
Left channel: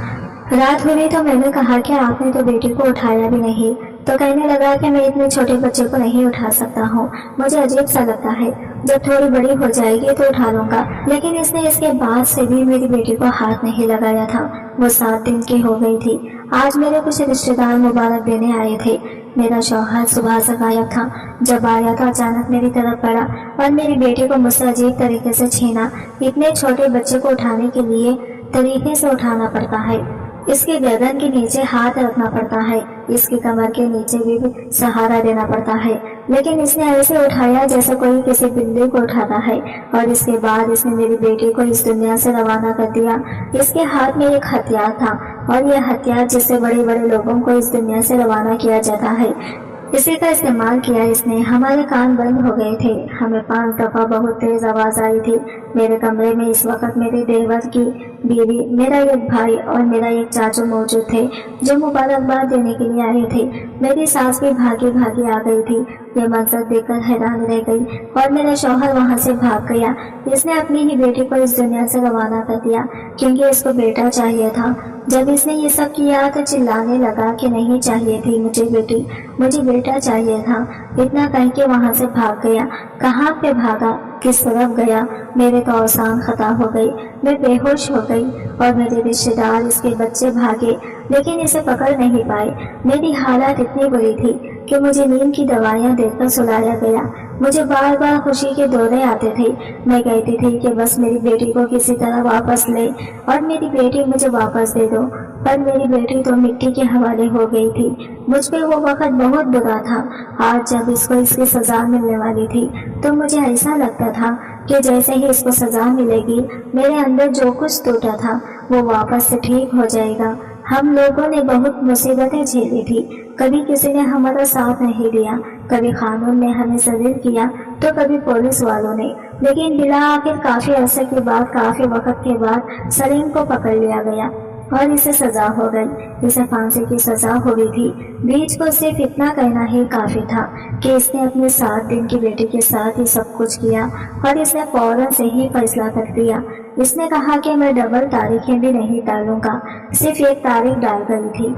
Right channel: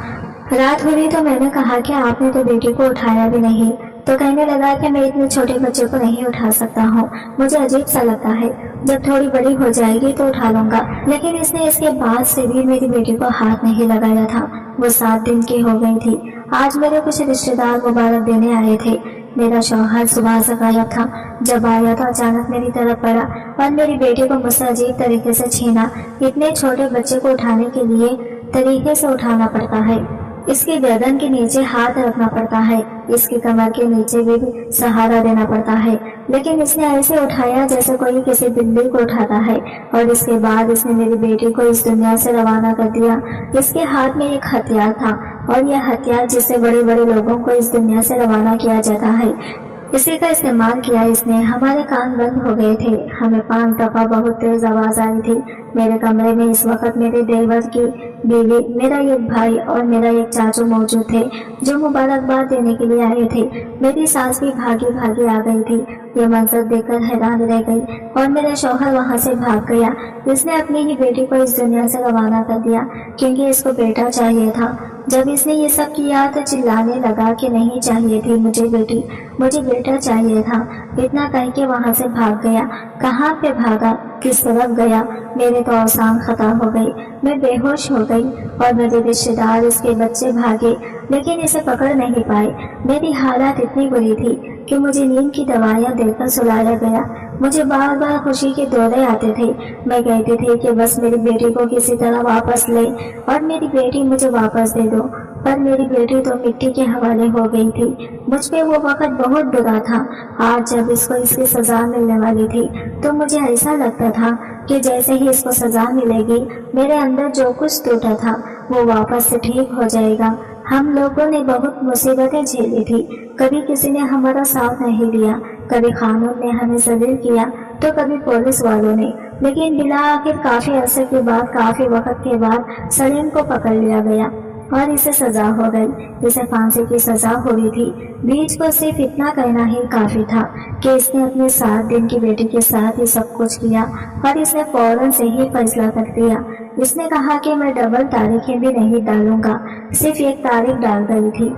رات ہوئی تو میں نے کہا کہ آپ نے تو بیٹی کو اٹھایا بھی نہیں، تو کہنے لگا کہ میں اتنے چھوٹے بچے کو نہیں اٹھا سکتا ہوں، مجھے عجیب سا لگتا ہے، جب تھوڑی بڑی ہو جائے گی تو اٹھا لوں گا۔ لیکن اس نے اس کے بعد سے بھی میری بیٹی کو ہاتھ نہیں لگایا تھا۔ وہ 7 دن کی ہو گئی تھی۔ آج میرے کچھ رشتہ دار مبارک دینے آئے تھے۔ میرا شوہر صبح سے غائب تھا، جب آیا تو اچانک میری طرف پڑا اور میری بیٹی کو مجھ سے عجیب طریقے سے چھینا۔ اتنے چھوٹے بچے کو اٹھانے کے لیے طریقے سے اٹھانا پڑتا ہے، اس کی گردن کے نیچے ہاتھ رکھنا پڑتا ہے، اس کی کمر کے نیچے بھی سہارا دینا پڑتا ہے، لیکن اس نے ایسے اٹھایا جیسے کوئی کسی بلی کو اٹھاتا ہے، اور اس کے بعد اس نے میری بیٹی کو اس دنیا سے روانہ کر دیا۔ اس کے ہاتھ میں ایک ہتھیار تھا، اور یہ ہتھیار جس سے بڑے بڑے لوگوں کو اس دنیا سے روانہ کیا جاتا ہے، اسی کا استعمال کیا اس نے۔ ہمارے کان بند ہو گئے تھے، ہمیں 5 دفعہ بہت تیز آواز آئی تھی۔ میرے کمرے میں اس وقت میرے دیور کی بیوی، میرا ایک بھائی اور میرا ایک چاچو موجود تھے جو مبارکباد دینے کے لیے آئے تھے۔ میری ساس بھی بھاگی بھاگی آ گئی تھی۔ یہ منظر دیکھ کر حیران رہ گئی، اور میرا شوہر وہاں سے بھاگ گیا۔ اس نے اپنی ہی بیٹی کو اس دنیا سے روانہ کر دیا، کیونکہ اس کو بیٹا چاہیے تھا۔ جب اس نے یہ سب کیا تو چلانے لگا کہ نہیں چاہیے تھی مجھے بیٹی، مجھے بیٹا چاہیے تھا۔ اتنا کہہ کے وہاں سے بھاگ گیا۔ کہاں پہ بھاگا، کس طرف گیا، میرے تو اوسان خطا ہو گئی، میں بے ہوش ہو گئی، اور میرے رشتے دار، اس کے بچے بھاگے، لیکن اسے پکڑ نہیں پائے۔ میری حالت اتنی بری تھی کہ مجھے نیند کی دوائیاں دے کر سلایا گیا۔ مجھے بار بار خوشی کے دورے آتے تھے۔ میں کہتی تھی کہ بس میری بیٹی کو کسی طرح واپس لے، اور میری بیٹی مجھے واپس دے دو، پر میری بیٹی تو مٹی کے حوالے ہو گئی تھی۔ مجھ پہ وہ وقت بہت برا تھا۔ آج جب اس کو اس کی سزا ملنے والی تھی تو مجھے ایسا لگتا تھا کہ جیسے ہی اس کو سزا ملے گی، میرے اندر جو کچھ ٹوٹا تھا وہ واپس سے ٹھیک ہو جائے گا۔ ہم لوگوں نے بہت مصیبتیں جھیلی تھی، کبھی کسی نے ہمارا ساتھ نہیں دیا، کبھی قانون نے ہمیں ذلیل کیا تو کبھی پولیس والوں نے، لیکن بالآخر کافی عرصے کے بعد، کافی وقت کے بعد سلیم کو پکڑ لیا گیا اور اسے سزا ہو گئی۔ اسے پھانسی کی سزا ہوئی تھی۔ بیچ کو صرف اتنا کہنا ہی کافی تھا کہ اس نے اپنے 7 دن کی بیٹی کے ساتھ ہی سب کچھ کیا، اور اس نے فوراً سے ہی فیصلہ کر دیا۔ اس نے کہا کہ میں ڈبل تاریخیں بھی نہیں ڈالوں گا، صرف ایک تاریخ ڈال گئی تھی،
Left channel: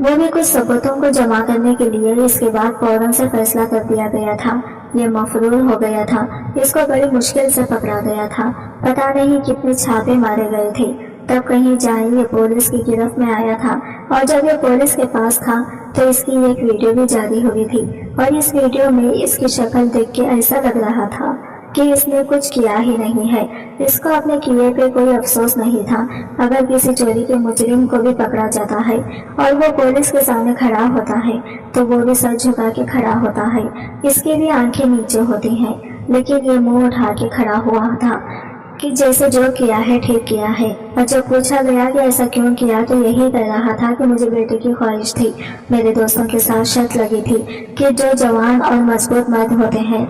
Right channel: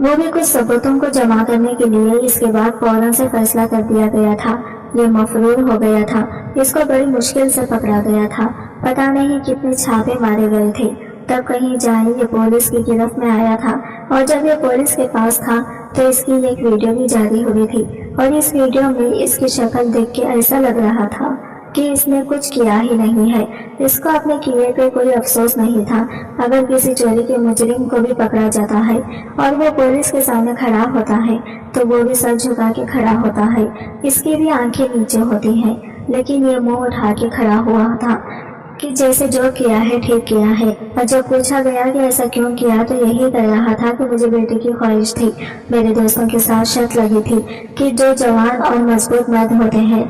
وہ بھی کچھ ثبوتوں کو جمع کرنے کے لیے۔ اس کے بعد فوراً سے فیصلہ کر دیا گیا تھا۔ یہ مفرور ہو گیا تھا، اس کو بڑی مشکل سے پکڑا گیا تھا، پتہ نہیں کتنے چھاپے مارے گئے تھے، تب کہیں جائیں یہ پولیس کی گرفت میں آیا تھا۔ اور جب یہ پولیس کے پاس تھا تو اس کی ایک ویڈیو بھی جاری ہوئی تھی، اور اس ویڈیو میں اس کی شکل دیکھ کے ایسا لگ رہا تھا کہ اس نے کچھ کیا ہی نہیں ہے۔ اس کو اپنے کیے پہ کوئی افسوس نہیں تھا۔ اگر کسی چوری کے مجرم کو بھی پکڑا جاتا ہے اور وہ پولیس کے سامنے کھڑا ہوتا ہے تو وہ بھی سر جھکا کے کھڑا ہوتا ہے، اس کی بھی آنکھیں نیچے ہوتی ہیں، لیکن یہ منہ اٹھا کے کھڑا ہوا تھا کہ جیسے جو کیا ہے ٹھیک کیا ہے۔ اور جب پوچھا گیا کہ ایسا کیوں کیا تو یہی کہہ رہا تھا کہ مجھے بیٹے کی خواہش تھی۔ میرے دوستوں کے ساتھ شرط لگی تھی کہ جو جوان اور مضبوط مرد ہوتے ہیں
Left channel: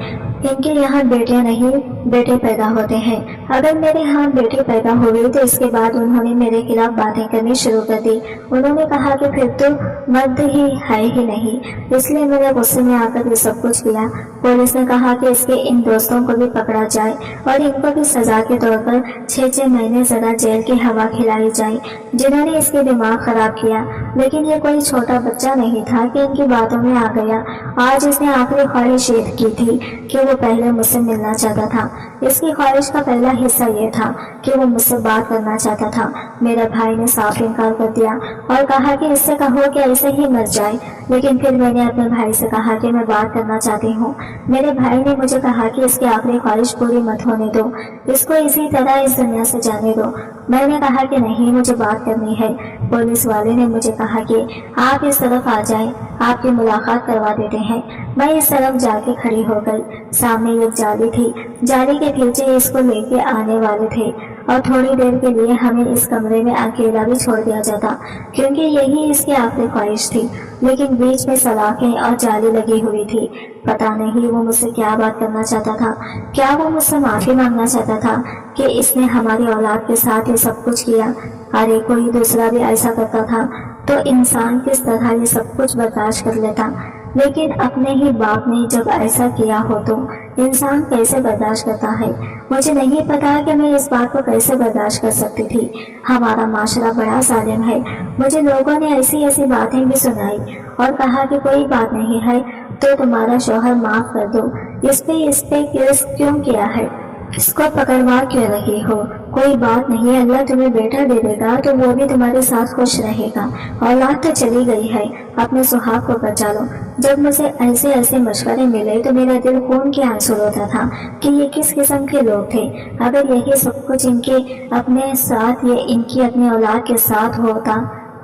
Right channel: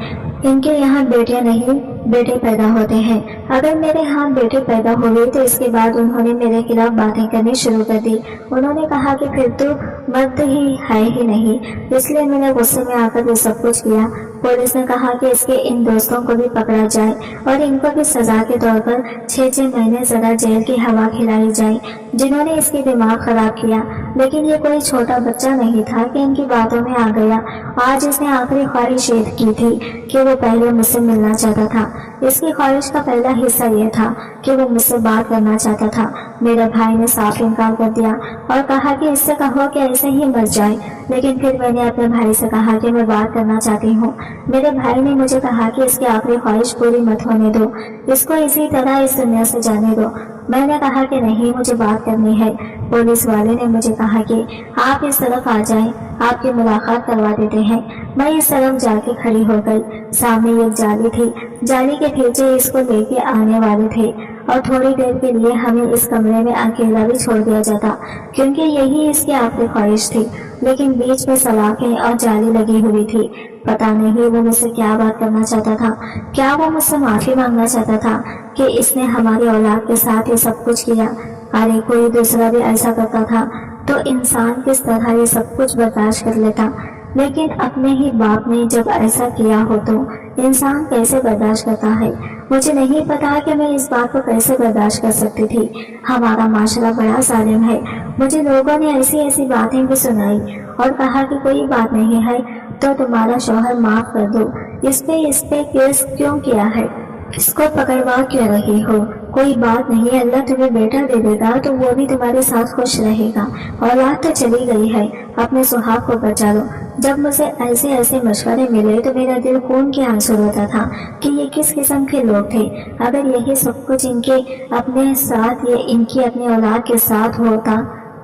ان کے یہاں بیٹیاں نہیں بیٹے پیدا ہوتے ہیں۔ اگر میرے ہاں بیٹی پیدا ہوئی تو اس کے بعد انہوں نے میرے خلاف باتیں کرنی شروع کر دی۔ انہوں نے کہا کہ پھر تو مرد ہی ہے ہی نہیں، اس لیے میں نے غصے میں آ کر یہ سب کچھ کیا۔ پولیس نے کہا کہ اس کے ان دوستوں کو بھی پکڑا جائے اور ان کو بھی سزا کے طور پر 6 مہینے زیادہ جیل کی ہوا کھلائی جائے، جنہوں نے اس کے دماغ خراب کیا۔ لیکن یہ کوئی چھوٹا بچہ نہیں تھا کہ ان کی باتوں میں آ گیا۔ آج اس نے آخری خواہش یہ کی تھی کہ وہ پہلے مجھ سے ملنا چاہتا تھا۔ اس کی خواہش کا پہلا حصہ یہ تھا کہ وہ مجھ سے بات کرنا چاہتا تھا۔ میرے بھائی نے صاف انکار کر دیا اور کہا کہ اس سے کہو کہ ایسے ہی مر جائے، لیکن پھر میں نے اپنے بھائی سے کہا کہ میں بات کرنا چاہتی ہوں۔ میرے بھائی نے مجھے کہا کہ اس کی آخری خواہش پوری مت ہونے دو، اس کو اسی طرح اس دنیا سے جانے دو۔ میں نے کہا کہ نہیں، مجھے بات کرنی ہے۔ پولیس والے نے مجھے کہا کہ آپ اس طرف آ جائیں، آپ کی ملاقات کروا دیتے ہیں۔ میں اس طرف جا کے کھڑی ہو گئی۔ سامنے ایک جالی تھی، جالی کے پیچھے اس کو لے کے آنے والے تھے، اور تھوڑی دیر کے لیے ہمیں اس کمرے میں اکیلا بھی چھوڑ دیا جاتا، کیونکہ یہی اس کی آخری خواہش تھی۔ لیکن بیچ میں سلاخیں اور جالی لگی ہوئی تھی۔ پتہ نہیں وہ مجھ سے کیا بات کرنا چاہتا تھا۔ کیا وہ مجھ سے معافی مانگنا چاہتا تھا کہ اس نے ہماری اولاد کے ساتھ یہ سب کچھ کیا؟ ارے کوئی دوسرا بھی ایسا کرتا تھا تو انسان کس طرح یہ سب کچھ برداشت کر لیتا، لیکن اپنے ہی باپ نے جب ایسا کیا ہو تو انسان کیسے برداشت کرتا ہے؟ مجھے نہیں پتا کہ میں اس بات کو کیسے برداشت کر سکتی تھی۔ ہمارا معاشرہ بڑا ظالم ہے۔ مجھے لوگوں نے ایسی ایسی باتیں بھی سنائی اور کہا کہ کوئی بات نہیں ہے تو تمہارا شوہر معاف کر دو، اس پہ کیس کیوں کیا ہے، اس کو پکڑوا کیوں رہی ہو، کوئی بات نہیں، اللہ تمہیں بیٹا دے دے گا تو وہ بھی تمہارے ساتھ خوش رہے گا، اولاد تو چلی گئی ہے، اپنے سہاگ کو بچا لو۔ جب مجھے ایسے ایسے مشورے ملے تو میرا دل خون کے آنسو روتا تھا کہ یہ کس قسم کے لوگ تھے۔ اگر یہی سب کچھ ان کے اپنے ساتھ یا ان کی اپنی اولاد کے ساتھ ہوتا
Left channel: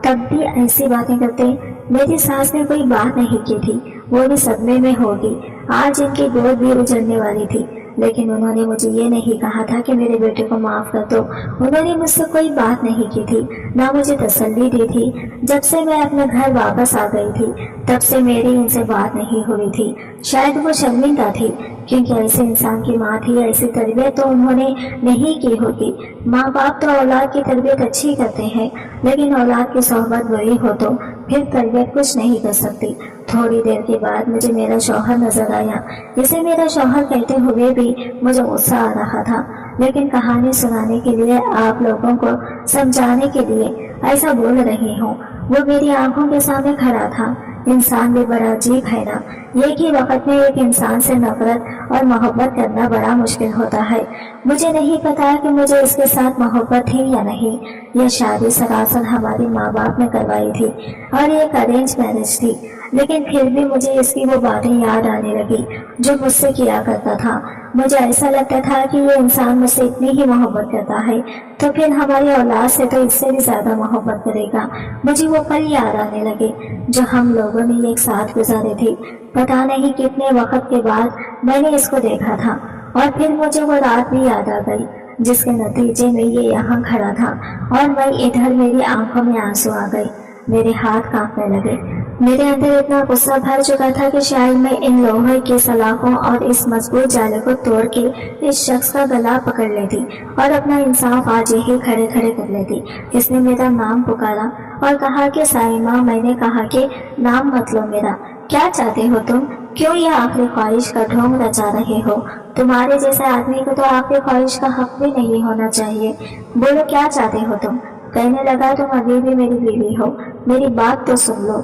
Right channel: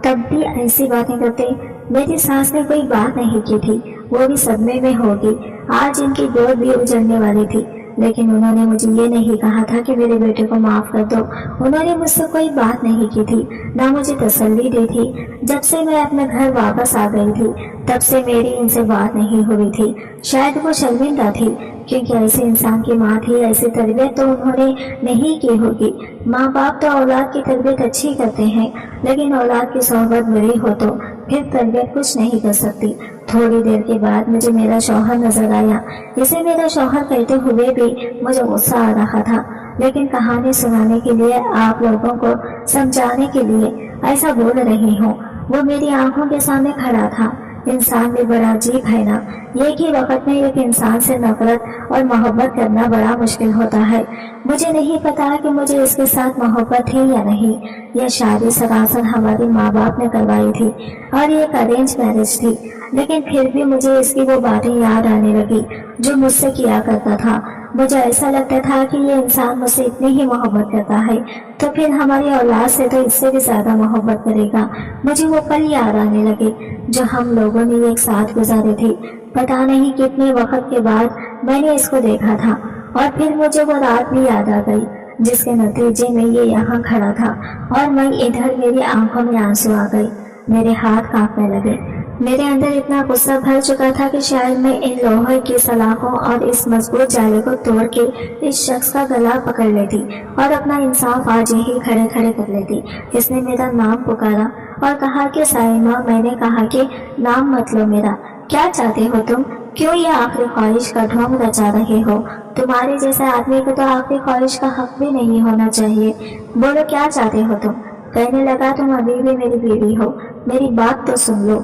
تب بھی ایسی باتیں کرتے۔ میری ساس نے کوئی بات نہیں کی تھی، وہ بھی صدمے میں ہوگی، آج ان کی گود بھی اجڑنے والی تھی، لیکن انہوں نے مجھے یہ نہیں کہا تھا کہ میرے بیٹے کو معاف کر دو۔ انہوں نے مجھ سے کوئی بات نہیں کی تھی، نہ مجھے تسلی دی تھی۔ جب سے میں اپنے گھر واپس آ گئی تھی تب سے میری ان سے بات نہیں ہوئی تھی۔ شاید وہ شرمندہ تھی، کیونکہ ایسے انسان کی ماں تھی، ایسی تربیت تو انہوں نے نہیں کی ہوگی۔ ماں باپ تو اولاد کی تربیت اچھی کرتے ہیں، لیکن اولاد کی صحبت بری ہو تو پھر تربیت کچھ نہیں کر سکتی۔ تھوڑی دیر کے بعد مجھے میرا شوہر نظر آیا۔ اسے میرا شوہر کہتے ہوئے بھی مجھے غصہ آ رہا تھا، لیکن کہانی سنانے کے لیے، آپ لوگوں کو سمجھانے کے لیے ایسا بول رہی ہوں۔ وہ میری آنکھوں کے سامنے کھڑا تھا۔ انسان بھی بڑا عجیب ہے نا، ایک ہی وقت میں ایک انسان سے نفرت اور محبت کرنا بڑا مشکل ہوتا ہے۔ مجھے نہیں پتا کہ مجھے اس کے ساتھ محبت تھی یا نہیں۔ یہ شادی سراسر ہمارے ماں باپ نے کروائی تھی اور یہ ارینج میرج تھی، لیکن پھر بھی مجھے اس کی وہ باتیں یاد آنے لگی جو مجھ سے کیا کرتا تھا۔ مجھے ایسا لگتا تھا کہ یہ انسان مجھ سے اتنی ہی محبت کرتا ہے تو پھر ہماری اولاد سے تو اس سے بھی زیادہ محبت کرے گا۔ مجھے وہ پل یاد آنے لگے جو ہم لوگوں نے ایک ساتھ گزارے تھے۔ پتا نہیں کتنے وقت کے بعد میں نے اس کو دیکھا تھا، اور پھر مجھے وہ رات بھی یاد آ گئی جس کے نتیجے میں یہ یہاں کھڑا تھا اور میں ادھر۔ میری آنکھوں میں آنسو آ گئے، میرے ہاتھ کانپنے لگے۔ میرے اندر اتنا غصہ بھر چکا تھا کہ شاید میں ان لوہے کی سلاخوں اور اس مضبوط جالے کو توڑ کے اس شخص کا گلا پکڑ لیتی اور اپنا انصاف آج یہی کھڑے کھڑے کر لیتی۔ اس نے میرا نام پکارا اور کہا کہ سائمہ۔ میں نے کہا کہ نام مت لو میرا، کیا چاہتے ہو تم؟ کیوں یہ آخری خواہش کا ڈھونگ رچا رہے ہو؟ تمہارے جیسے آدمی کو تو آخری خواہش کا حق بھی نہیں ہونا چاہیے۔ بولو کیا چاہتے ہو تم؟ کہنے لگا تم ابھی بھی میری بیوی ہو، میری بات تو سن لو۔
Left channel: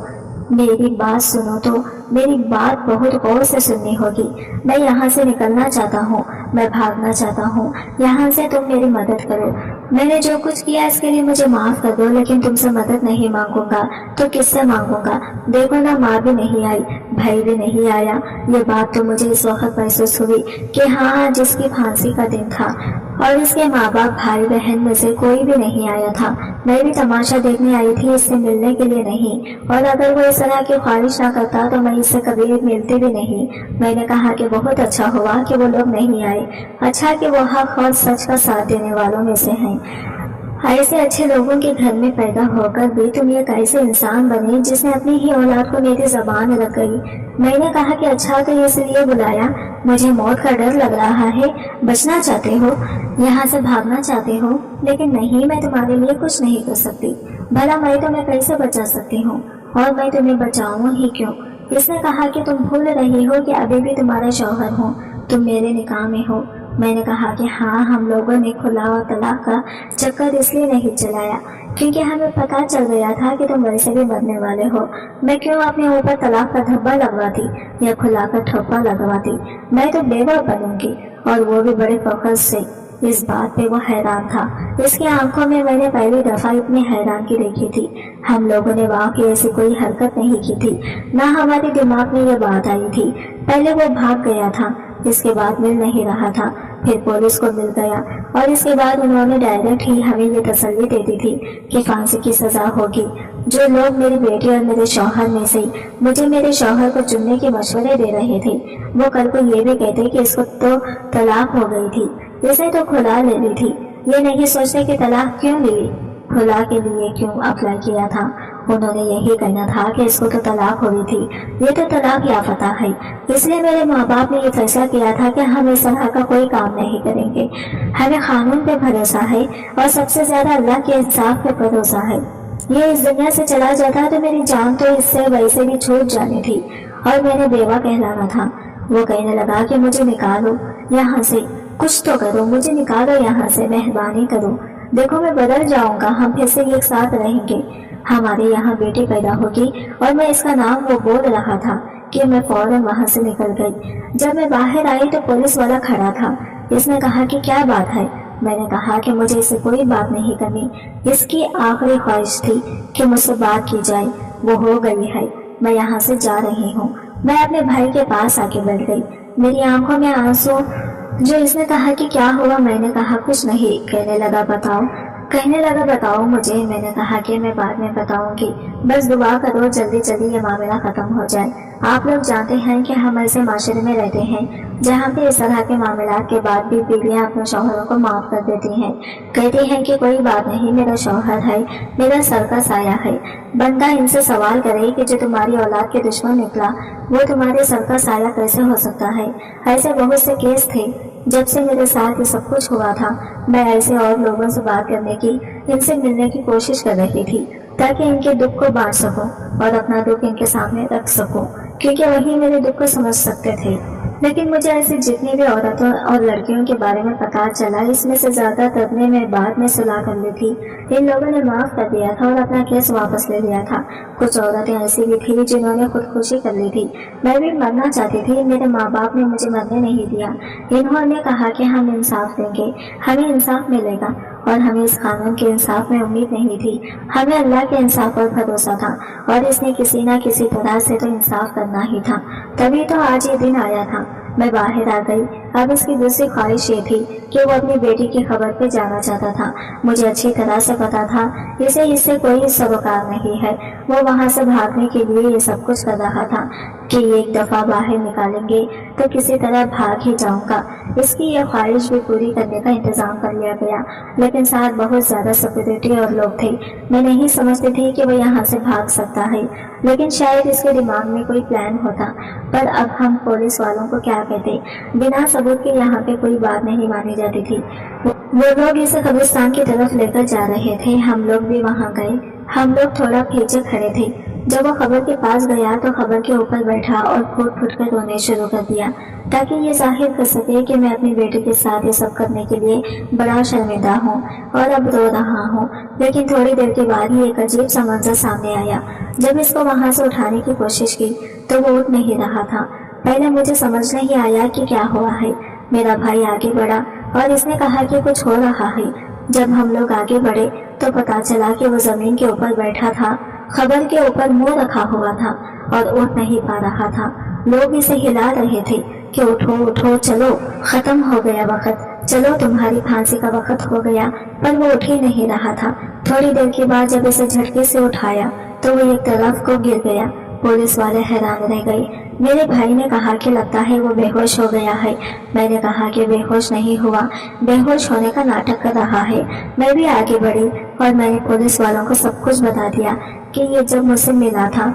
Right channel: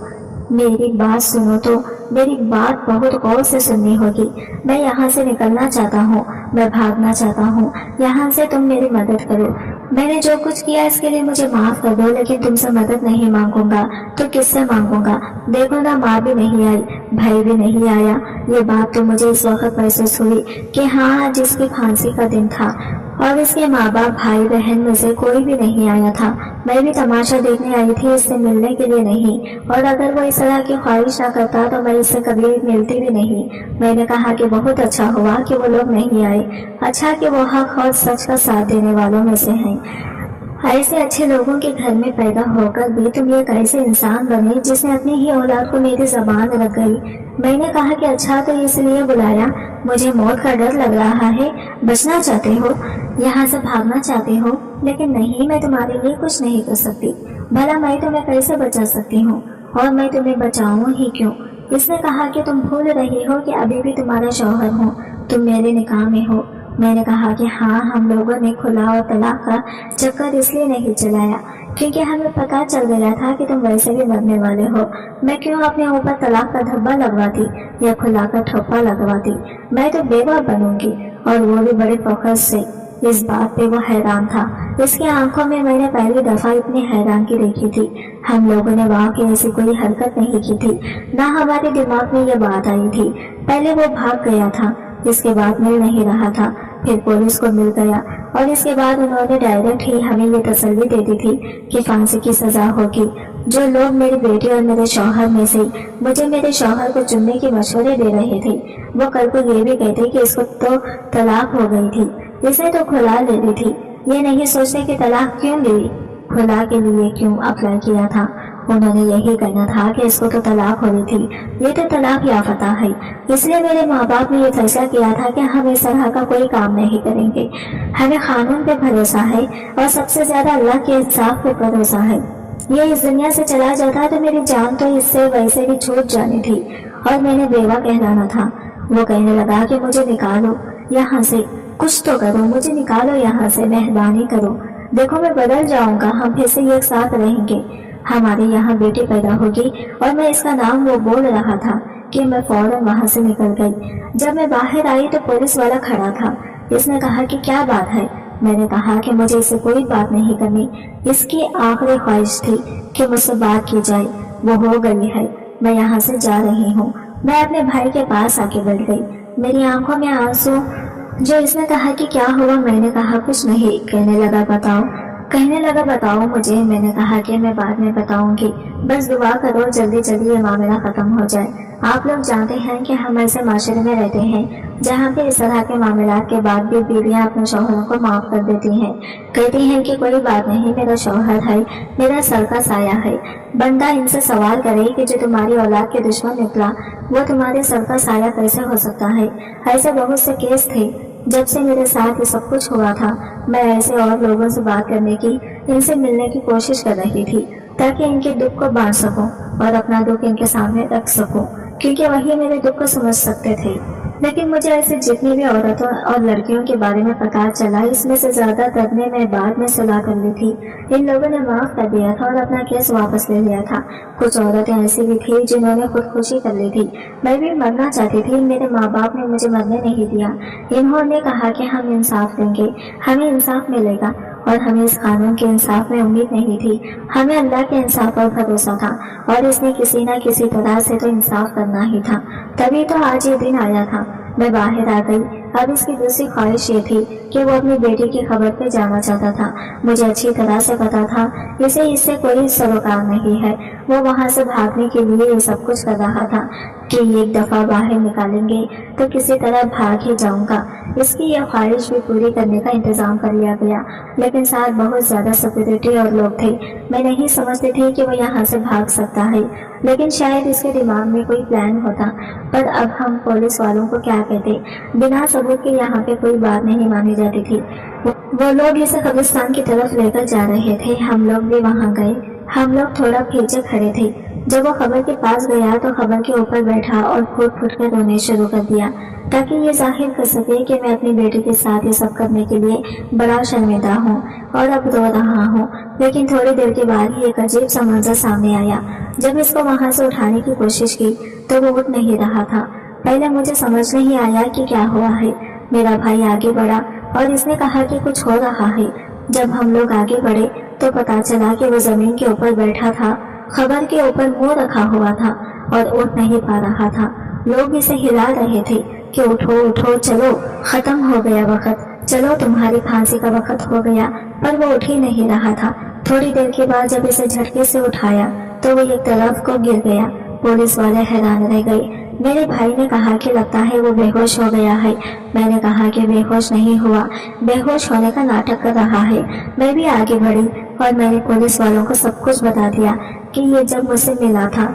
میری بات سنو تو میری بات بہت غور سے سننی ہوگی۔ میں یہاں سے نکلنا چاہتا ہوں، میں بھاگنا چاہتا ہوں یہاں سے، تم میری مدد کرو۔ میں نے جو کچھ کیا اس کے لیے مجھے معاف کر دو، لیکن تم سے مدد نہیں مانگوں گا تو کس سے مانگوں گا؟ دیکھو نا، ماں بھی نہیں آئی، بھائی بھی نہیں آیا۔ یہ بات تو مجھے اس وقت محسوس ہوئی کہ ہاں، جس کی پھانسی کا دن تھا اور اس کے ماں باپ بھائی بہن میں سے کوئی بھی نہیں آیا تھا۔ میں بھی تماشا دیکھنے آئی تھی، اس سے ملنے کے لیے نہیں، اور اگر وہ اس طرح کی خواہش نہ کرتا تو میں اس سے کبھی ملتی بھی نہیں۔ میں نے کہا کہ بہت اچھا ہوا کہ وہ لوگ نہیں آئے، اچھا کہ وہ حق اور سچ کا ساتھ دینے والوں میں سے ہیں۔ ایسے اچھے لوگوں کے گھر میں پیدا ہو کر بھی تم ایک ایسے انسان بنے جس نے اپنی ہی اولاد کو میری زبان رکھ گئی۔ میں نے کہا کہ اچھا، تو اس لیے بلایا؟ مجھے موت کا ڈر لگ رہا ہے۔ بچنا چاہتے ہو؟ یہاں سے بھاگنا چاہتے ہو؟ لیکن نہیں، میں تمہارے لیے کچھ نہیں کر سکتی۔ بھلا میں تمہیں کیسے بچا سکتی ہوں؟ اور میں تمہیں بچاؤں ہی کیوں؟ اس نے کہا کہ تم بھول رہی ہو کہ ابھی بھی تمہارا شوہر ہوں، تم میرے نکاح میں ہو۔ میں نے کہا کہ ہاں، ہم لوگوں نے کھلا اور طلاق کا چکر اس لیے نہیں چلایا کیونکہ ہمیں پتا چل گیا تھا کہ تم ویسے بھی مرنے والے ہو۔ میں کیوں اپنے اوپر طلاق کا دھبا لگواتی یا کھلا کا ٹھپا لگواتی؟ میں تو بیوہ بنوں گی، اور وہ بھی بڑے فخر سے۔ اس بات پہ وہ حیران تھا، اس کی آنکھوں میں میں نے پہلی دفعہ اتنی حیرانگی دیکھی تھی۔ ہم لوگوں نے واقعی ایسی کوئی حرکت نہیں کی تھی، نہ ہمارے دماغ میں یہ بات آئی تھی۔ پہلے وہ بھاگ گیا تھا، اس کے بعد مل نہیں رہا تھا، پھر پولیس کو مل گیا، اور اس کے بعد انہوں نے ڈائریکٹ ہی ہمیں یہ تسلی دے دی تھی کہ پھانسی کی سزا ہوگی۔ جو لوگ میری بیٹی اور میرے شوہر میں سے مجھے میرے شوہر کو چننے کے مشورے دے رہے تھے، وہ کل کو یہ بھی کہتے کہ اس کو تو طلاق ہو گئی تھی، اس نے تو کھلا لے لی تھی۔ یہ نہیں سوچتے کہ طلاق کیوں لی، کھلا کے لیے کیوں اپلائی کیا تھا۔ انہوں نے یہی کہنا تھا کہ اس کو تو طلاق ہوئی تھی، یہ تو طلاق یافتہ ہے، اس لیے میرے ماں باپ نے یہ فیصلہ کیا تھا کہ ہم اس طرح کا کوئی کام نہیں کریں گے۔ ہمیں قانون پہ بھروسہ ہے اور سب سے زیادہ اللہ کے انصاف پہ بھروسہ ہے۔ یہ اس دنیا سے چلا جاتا تو میری جان تو اس سے ویسے بھی چھوٹ جانی تھی، اور میں نے بیوہ کہلانا تھا۔ وہ کہنے لگا کہ مجھے نکالو یہاں سے، کچھ تو کرو، مجھے نکالو یہاں سے، مہربانی کرو۔ دیکھو میں بدل جاؤں گا، ہم پھر سے ایک ساتھ رہیں گے، ہمارے یہاں بیٹی پیدا ہوگی۔ اور میں اس کا نام وہ بول رہا تھا کہ میں فوراً وہاں سے نکل گئی۔ جب میں باہر آئی تو پولیس والا کھڑا تھا۔ اس نے کہا کہ کیا بات ہے؟ میں نے کہا کہ مجھے اس سے کوئی بات نہیں کرنی، اس کی آخری خواہش تھی کہ مجھ سے بات کی جائے، وہ ہو گئی ہے، میں یہاں سے جا رہی ہوں۔ میں اپنے بھائی کے پاس آ کے بیٹھ گئی، میری آنکھوں میں آنسو۔ جو اس نے کہا کہ کیا ہوا؟ میں نے کہا کچھ نہیں۔ کہنے لگا بتاؤ مجھے۔ میں نے کہا کہ میں بعد میں بتاؤں گی، بس دعا کرو جلدی جلدی یہ معاملہ ختم ہو جائے۔ آپ لوگ جانتے ہیں کہ ہم ایسے معاشرے میں رہتے ہیں جہاں پہ اس طرح کے معاملات کے بعد بھی بیویاں اپنے شوہروں کو معاف کر دیتی ہیں، کہتی ہیں کہ کوئی بات نہیں، میرا شوہر ہے، میرا سر کا سایہ ہے۔ بندہ ان سے سوال کرے کہ جو تمہاری اولاد کے دشمن نکلا وہ تمہارے سر کا سایہ کیسے ہو سکتا ہے؟ ایسے بہت سے کیس تھے۔ جب سے میرے ساتھ یہ سب کچھ ہوا تھا میں ایسے اور لوگوں سے بات کرنے کی، ان سے ملنے کی کوشش کر رہی تھی تاکہ ان کے دکھ کو بانٹ سکوں اور اپنا دکھ ان کے سامنے رکھ سکوں، کیونکہ وہی میرے دکھ کو سمجھ سکتے تھے۔ لیکن مجھے ایسی جتنی بھی عورتوں اور لڑکیوں کے بارے میں پتہ چلا، اس میں سے زیادہ تر نے میں بعد میں صلاح کر لی تھی۔ ان لوگوں نے معاف کر دیا تھا اور اپنا کیس واپس لے لیا تھا۔ کچھ عورتیں ایسی بھی تھیں جنہوں نے خودکشی کر لی تھی۔ میں بھی مرنا چاہتی تھی، میرے ماں باپ نے مجھے مرنے نہیں دیا۔ انہوں نے کہا کہ ہم انصاف دیں گے، ہمیں انصاف ملے گا، اور ہمیں اس قانون کے انصاف میں امید نہیں تھی، ہمیں اللہ کے انصاف پر بھروسہ تھا، اور اس نے کسی نہ کسی طرح سے تو انصاف کرنا ہی تھا۔ تبھی تو آج یہ دن آیا تھا۔ میں باہر آ گئی۔ اب اس کی دوسری خواہش یہ تھی کہ وہ اپنی بیٹی کی خبر پہ جانا چاہتا تھا۔ مجھے اچھی طرح سے پتا تھا اسے اس سے کوئی سروکار نہیں ہے۔ وہ وہاں سے بھاگنے کے لیے یہ سب کچھ کر رہا تھا کہ ایک دفعہ باہر نکالیں گے تو کسی طرح بھاگ ہی جاؤں گا۔ اس کی یہ خواہش بھی پوری کرنے کا انتظام کر لیا گیا، لیکن ساتھ بہت زیادہ سیکورٹی اور لوگ تھے۔ میں نہیں سمجھتی تھی کہ وہ یہاں سے بھاگ سکتا ہے، لیکن شاید اس کے دماغ میں کوئی پلان ہوتا۔ پر اب ہم پولیس والوں کو کیا کہتے؟ بنا ثبوت کے یہاں پہ کوئی بات نہیں مانی جاتی تھی۔ وہ لوگ اسے قبرستان کی طرف لے کر جا رہے تھے، ہم لوگ بھی وہاں گئے۔ ہم لوگ تھوڑا پیچھے کھڑے تھے۔ جب وہ قبر کے پاس گیا تو قبر کے اوپر بیٹھا اور پھوٹ پھوٹ کر رونے شروع کر دیا تاکہ یہ ظاہر کر سکے کہ میں اپنی بیٹی کے ساتھ یہ سب کرنے کے لیے بڑا شرمندہ ہوں اور اب رو رہا ہوں۔ لیکن تھوڑی دیر کے بعد ہی ایک عجیب سا منظر سامنے آیا۔ جب اس کو وہاں سے اٹھانے کی کوشش کی تو وہ اٹھ نہیں رہا تھا۔ پہلے مجھے سمجھ نہیں آیا کہ کیا ہوا ہے۔ میرا بھائی آگے بڑھا اور اس نے کہا کہ کچھ ہو رہا ہے۔ جب ہم لوگ آگے بڑھے تو پتا چلا کہ وہ زمین کے اوپر بیٹھا تھا، خبر کے اوپر منہ رکھا ہوا تھا اور اٹھ نہیں پا رہا تھا۔ لوگ اسے ہلا رہے تھے کہ اٹھو اٹھو، چلو ختم ہو گیا وقت، چلو تمہاری پھانسی کا وقت ہو گیا، پر وہ اٹھ ہی نہیں رہا تھا۔ تھوڑی دیر کے بعد جب اسے جھٹکے سے اٹھایا تو وہ ایک طرف کو گر گیا۔ پولیس والے حیران رہ گئے۔ میرے بھائی نے کہا کہ لگتا ہے وہ بے ہوش ہو گیا ہے۔ میں نے کہا کہ بے ہوش نہیں ہوا، بے ہوش ہونے کا ناٹک کر رہا ہے۔ میں بھی آگے بڑھی اور میں نے پولیس والوں کو سب کچھ بتا دیا کہ یہ جب مجھ سے ملا تھا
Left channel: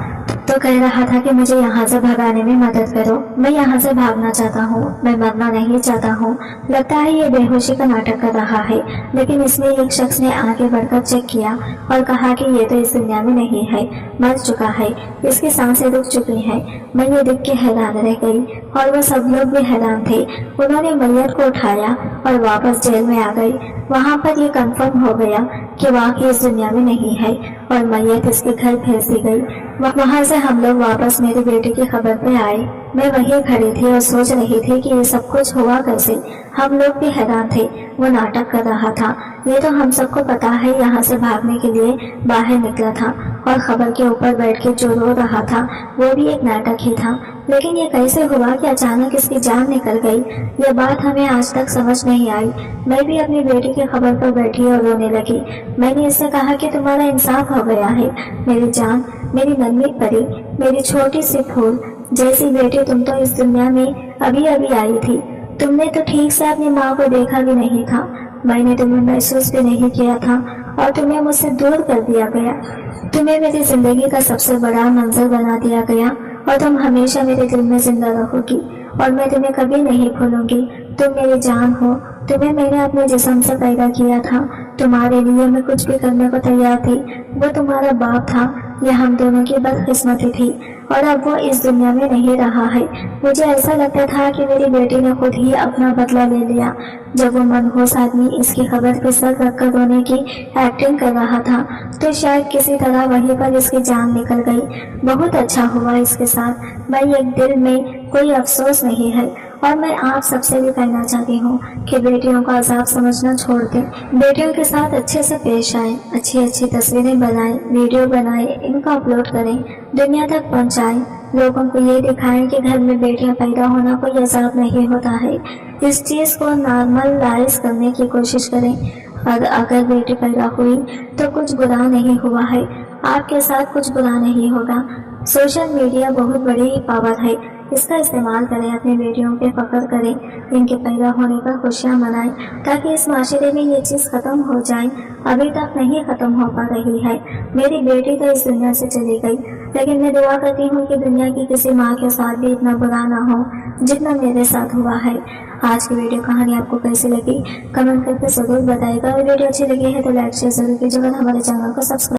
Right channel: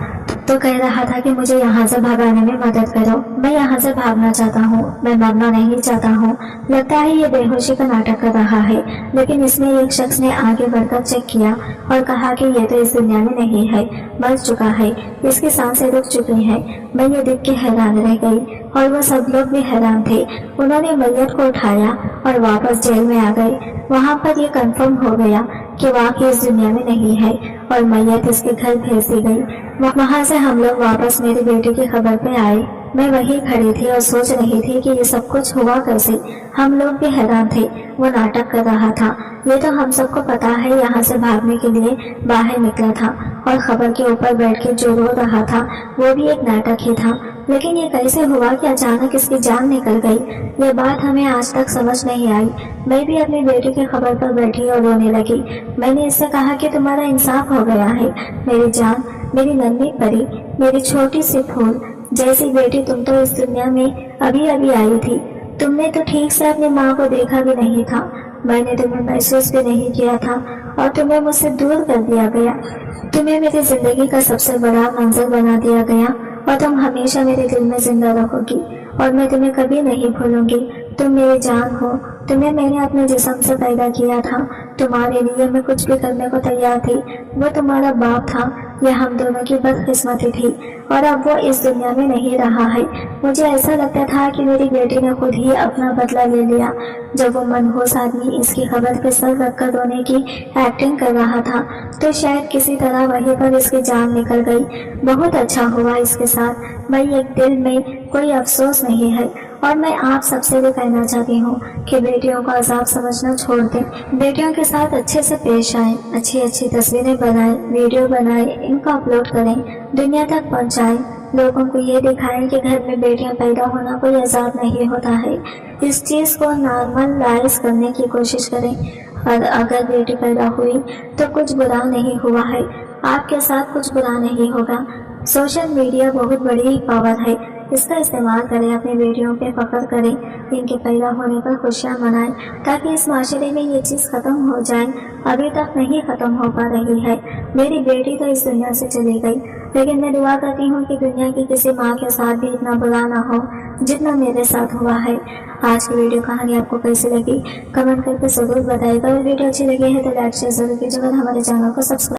تو کہہ رہا تھا کہ مجھے یہاں سے بھگانے میں مدد کرو، میں یہاں سے بھاگنا چاہتا ہوں، میں مرنا نہیں چاہتا ہوں۔ لگتا ہے یہ بے ہوشی کا ناٹک کر رہا ہے، لیکن اس میں ایک شخص نے آگے بڑھ کر چیک کیا اور کہا کہ یہ تو اس دنیا میں نہیں ہے، مر چکا ہے، اس کی سانسیں رک چکی ہیں۔ میں یہ دیکھ کے حیران رہ گئی اور وہ سب لوگ بھی حیران تھے۔ انہوں نے میت کو اٹھایا اور واپس جیل میں آ گئے۔ وہاں پر یہ کنفرم ہو گیا کہ واقعی اس دنیا میں نہیں ہے اور میت اس کے گھر بھیج دی گئی۔ وہاں سے ہم لوگ واپس میری بیٹی کی خبر پہ آئے۔ میں وہیں کھڑی تھی اور سوچ رہی تھی کہ یہ سب کچھ ہوا کیسے۔ ہم لوگ بھی حیران تھے، وہ ناٹک کر رہا تھا۔ یہ تو ہم سب کو پتا ہے یہاں سے بھاگنے کے لیے باہر نکلا تھا، اور خبر کے اوپر بیٹھ کے جو رو رہا تھا وہ بھی ایک ناٹک ہی تھا۔ لیکن یہ کیسے ہوا کہ اچانک اس کی جان نکل گئی؟ یہ بات ہمیں آج تک سمجھ نہیں آئی۔ میں بھی اپنی بیٹی کی خبر پر بیٹھی اور رونے لگی۔ میں نے اس سے کہا کہ تمہارا انصاف ہو گیا ہے میری جان، میری ننھی پری، میری چھوٹی سی پھول جیسی بیٹی، تم تو اس دنیا میں ابھی ابھی آئی تھی، تم نے تو ٹھیک سے اپنی ماں کو دیکھا بھی نہیں تھا، میں نے تمہیں محسوس بھی نہیں کیا تھا اور تمہیں مجھ سے دور کر دیا گیا، تمہیں میری زندگی کا سب سے بڑا منظر بنا دیا گیا، اور تم ہمیشہ میرے دل میں زندہ رہو گی اور میں تمہیں کبھی نہیں بھولوں گی۔ تم میری جان ہو، تمہیں میں نے اپنے جسم سے پیدا کیا تھا، تمہارے لیے میں کچھ بھی کرنے کو تیار تھی۔ وہ تمہارا باپ تھا، یہ ہم دونوں کی بدقسمتی تھی، اور اب وہ اس دنیا میں نہیں رہا ہے۔ مجھے ایسا لگتا تھا کہ میری بیٹی نے خود ہی اپنا بدلہ لے لیا۔ جب وہ منحوس آدمی اس کی خبر پہ سر رکھ کر رونے کی ایکٹنگ کر رہا تھا تو شاید کسی طرح وہیں پر اس کی جان نکل گئی۔ بہت اچھا ہوا اس کے ساتھ۔ میں ایک دل میں کوئی افسوس نہیں ہے، اور میں آپ سب سے بھی کہنا چاہتی ہوں کہ بیٹیوں کا عذاب سمجھنا چھوڑ دیں، بیٹیوں کے ساتھ اچھے سے پیش آئیں، اچھی اچھی تصویریں بنائیں، ویڈیو بنائیں، ان کو اپلوڈ کریں، دنیا تک پہنچائیں، لوگوں کو یہ دکھائیں کہ گھر میں بیٹیاں پیدا ہونا کوئی عذاب نہیں ہوتا ہے۔ اس چیز کو نارملائز کرنے کی کوشش کریں، اور اگر بیٹی پیدا ہوئی تو کچھ برا نہیں ہوا ہے۔ آپ کے ساتھ کچھ برا نہیں ہوگا۔ سوشل میڈیا بہت بڑی پاور ہے، اس کا استعمال کریں، اپنے بیٹیوں پہ فخر کریں، ان کے پیدا ہونے پر خوشیاں منائیں تاکہ اس معاشرے میں یہ چیز ختم ہو جائے۔ ابھی تک نہیں ختم ہو پا رہی ہے۔ میری بیٹی تو اس دنیا سے چلی گئی، لیکن میں دعا کرتی ہوں کہ دنیا کی کسی ماں کے ساتھ بھی اتنا برا نہ ہو جتنا میرے ساتھ ہوا ہے۔ آج کی ویڈیو کہانی آپ کو کیسی لگی کمنٹ کر کے ضرور بتائے گا، اور ویڈیو اچھی لگی ہے تو لائک شیئر ضرور کیجیے گا، ہمارے چینل کو سبسکرائب